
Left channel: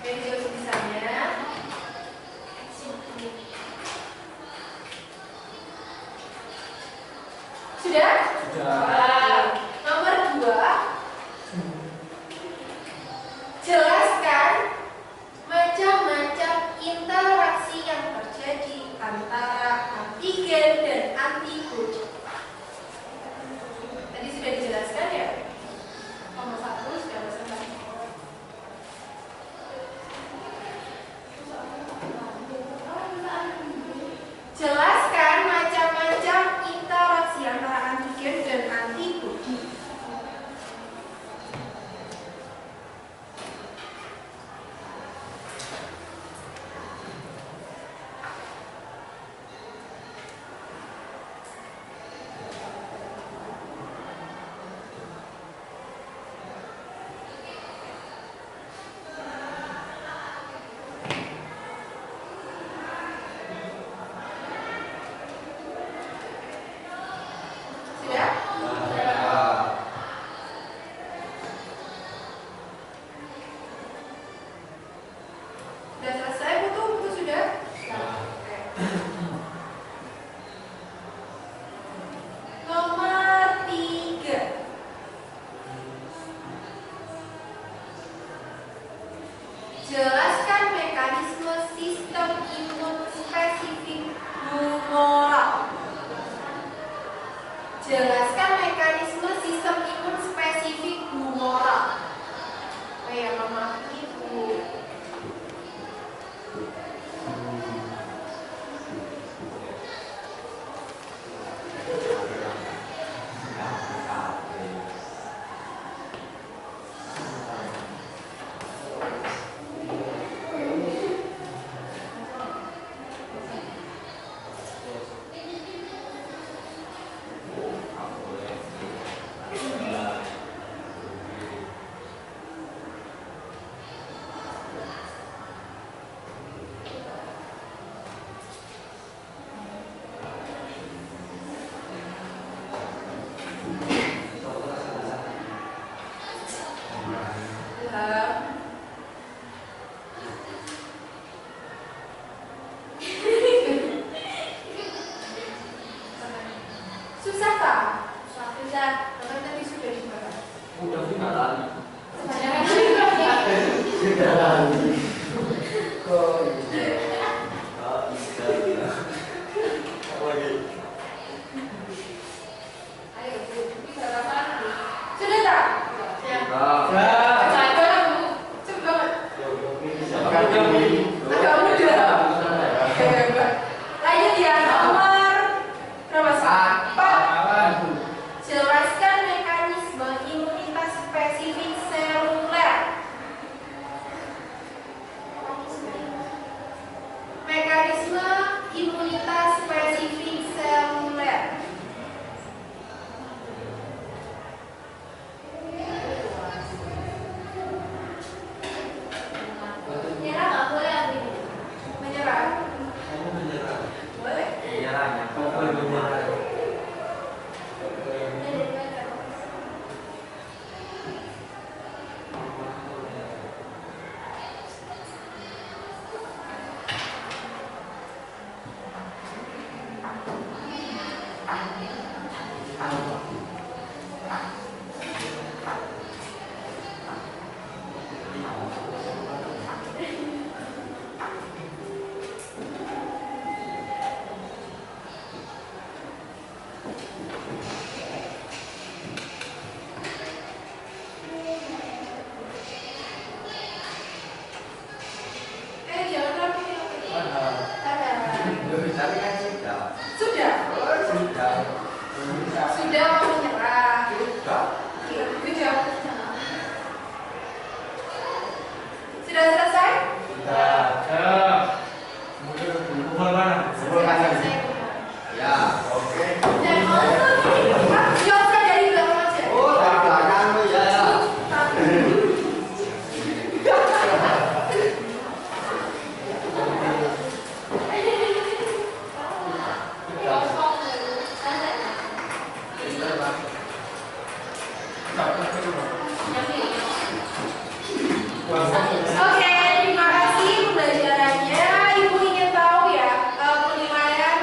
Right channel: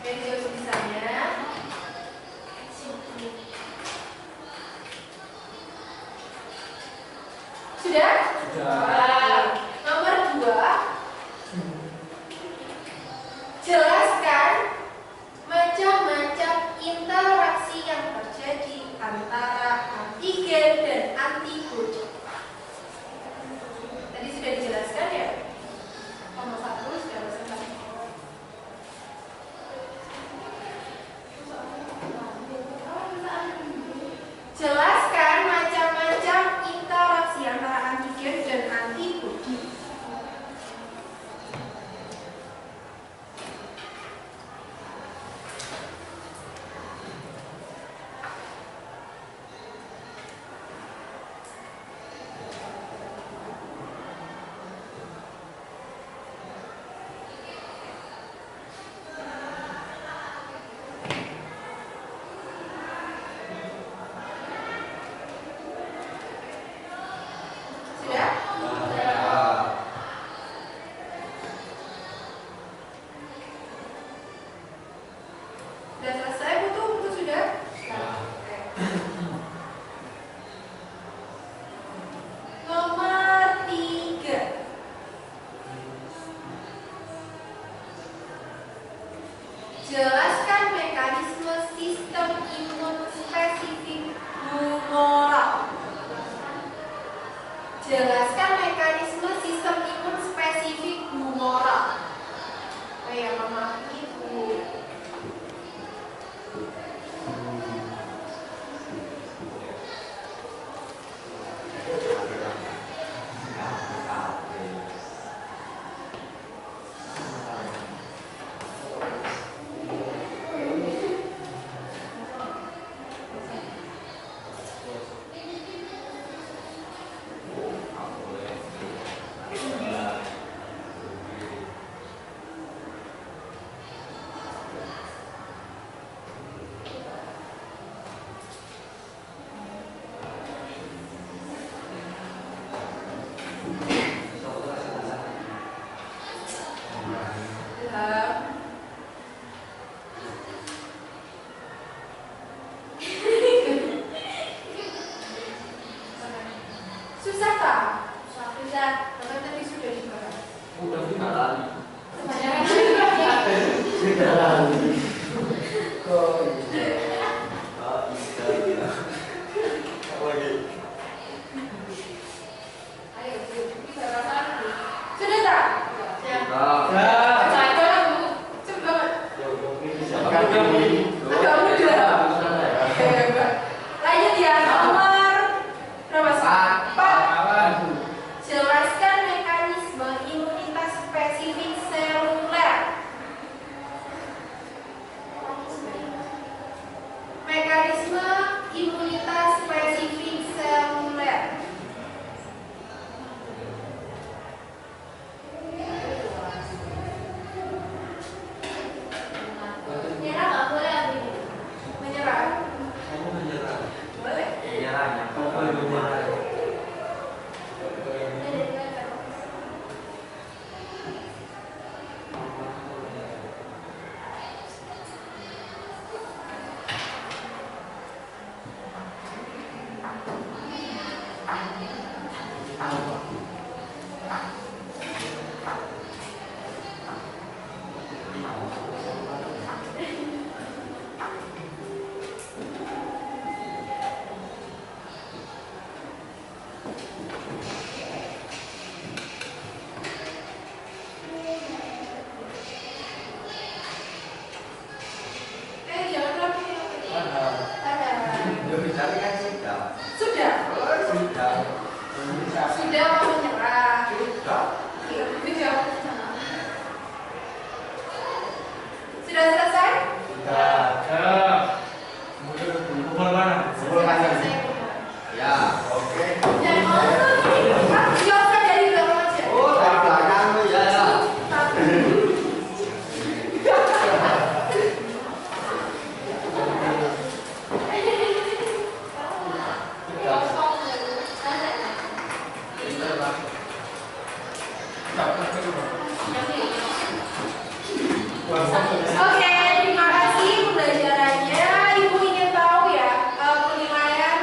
Media tulisannya. Sudah? Nomor 2. Jelaskan macam-macam interaksi yang terjadi antara antigen dan antibodi. Tadi sudah dijelaskan ya? Nomor 1 sudah selesai. Jelaskan macam-macam interaksi antara antigen dan antibodi. Jelaskan mekanisme sistem imun spesifik humoral. Jelaskan mekanisme sistem imun spesifik humoral. Oh ya, mama itu. Ayo, ini balasan. Sudah tak? Cepet banget. Agak mudah. Hebat. Lanjut ya, nomor berapa sih? 4. Jelaskan mekanisme imunitas spesifik seluler. Mekanisme imunitas spesifik seluler. Nyerah nggak boleh Abi. Menyerah. Boleh. Jangan rapi. Sudah. Sudah mau menyerah. Sudah. Sudah selesai? Jangan ngomong. Jawabkan dari belakang aja. Oke, terima kasih pembelajarannya. Ibu ingin tahu ya penilaian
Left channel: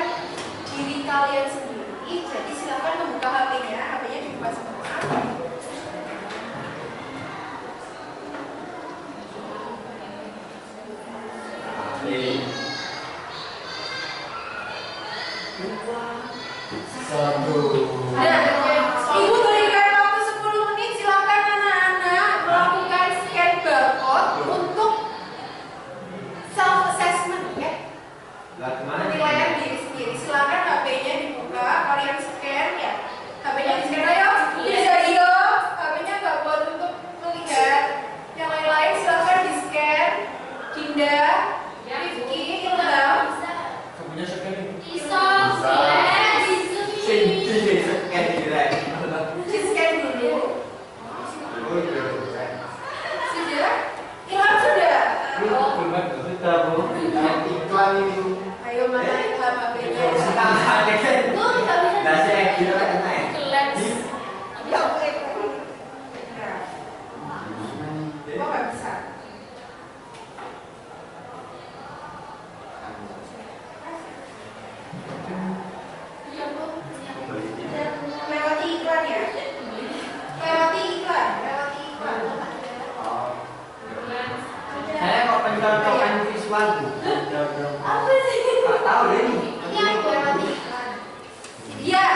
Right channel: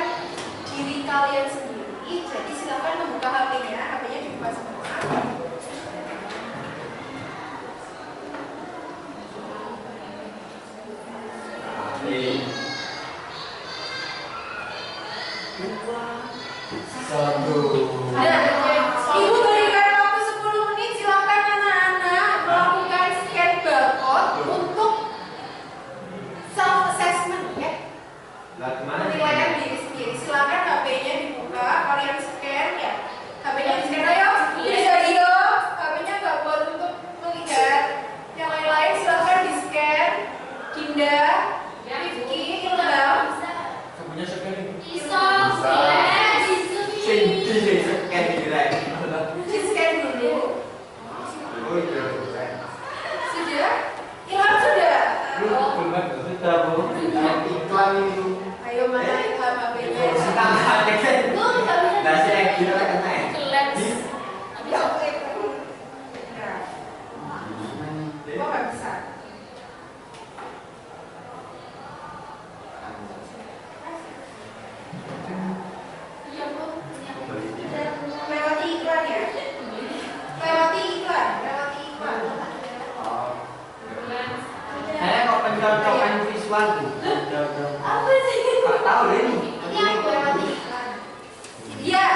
diri kalian sendiri. Jadi silakan membuka HP-nya. HP-nya dibuka semua. Nah, Ibu berikan waktu 10 menit. Silakan anak-anak melakukan scan barcode untuk self assessment ya. Penilaian diri sendiri. Silakan HP-nya dibuka. Kalian scan ya. HP-nya di scan ayo. Bisa iyo. HP-nya nggak buat untuk melihat. Yang lain-lain silakan di scan. Dinda, Rifki, Ilham. Di scan dulu. Sudah? Ilham sudah? Ayo mana Ilham HP-nya? Ya oke. Nah. Kok nggak bisa? Lewati iklan ya? Lewati iklan. Saya kok pencocokan visual tuh. Apa sih? Nggak tahu deh ini. Ini aku lewati iklan. Iya.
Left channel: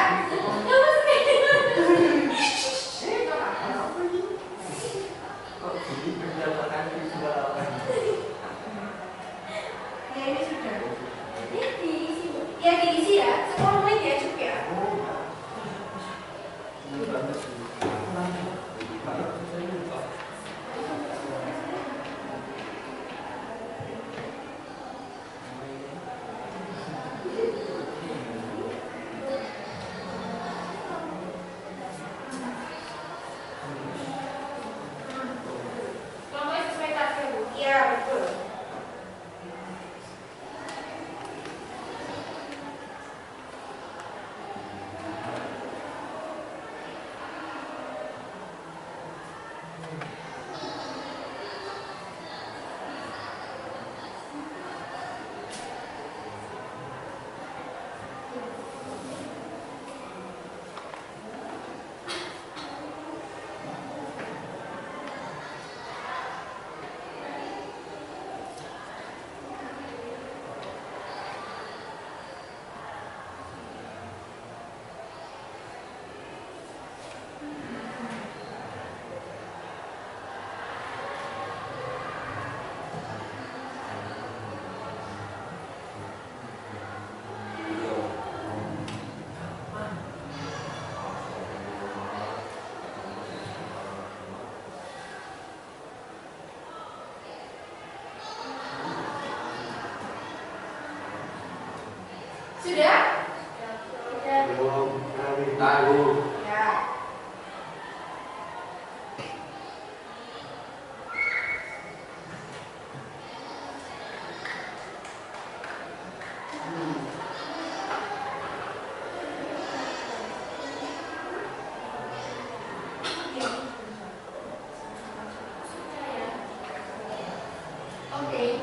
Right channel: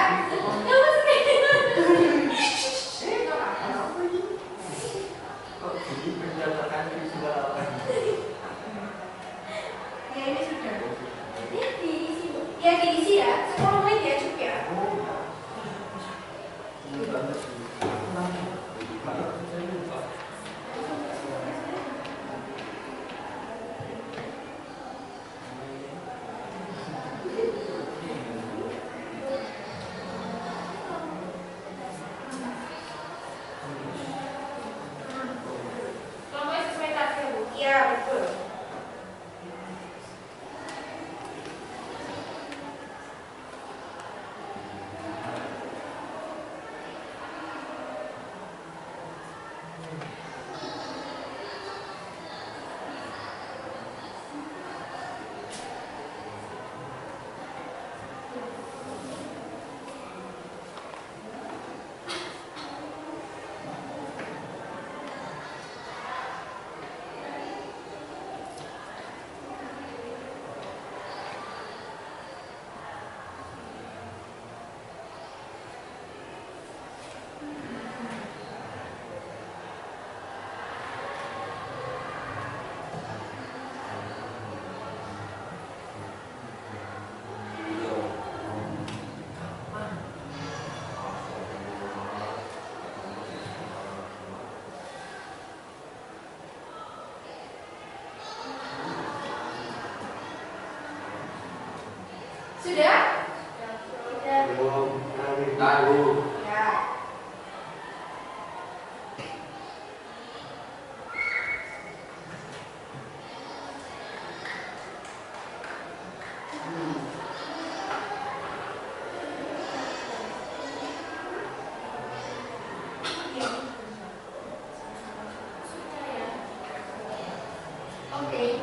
Kok gini pencocokan visual apa? Ya ini sudah. Ini diisi. Ya diisi ya. 10 menit ya cukup ya. Ini banget. Sudah? Belum tahu. Ya. Oke.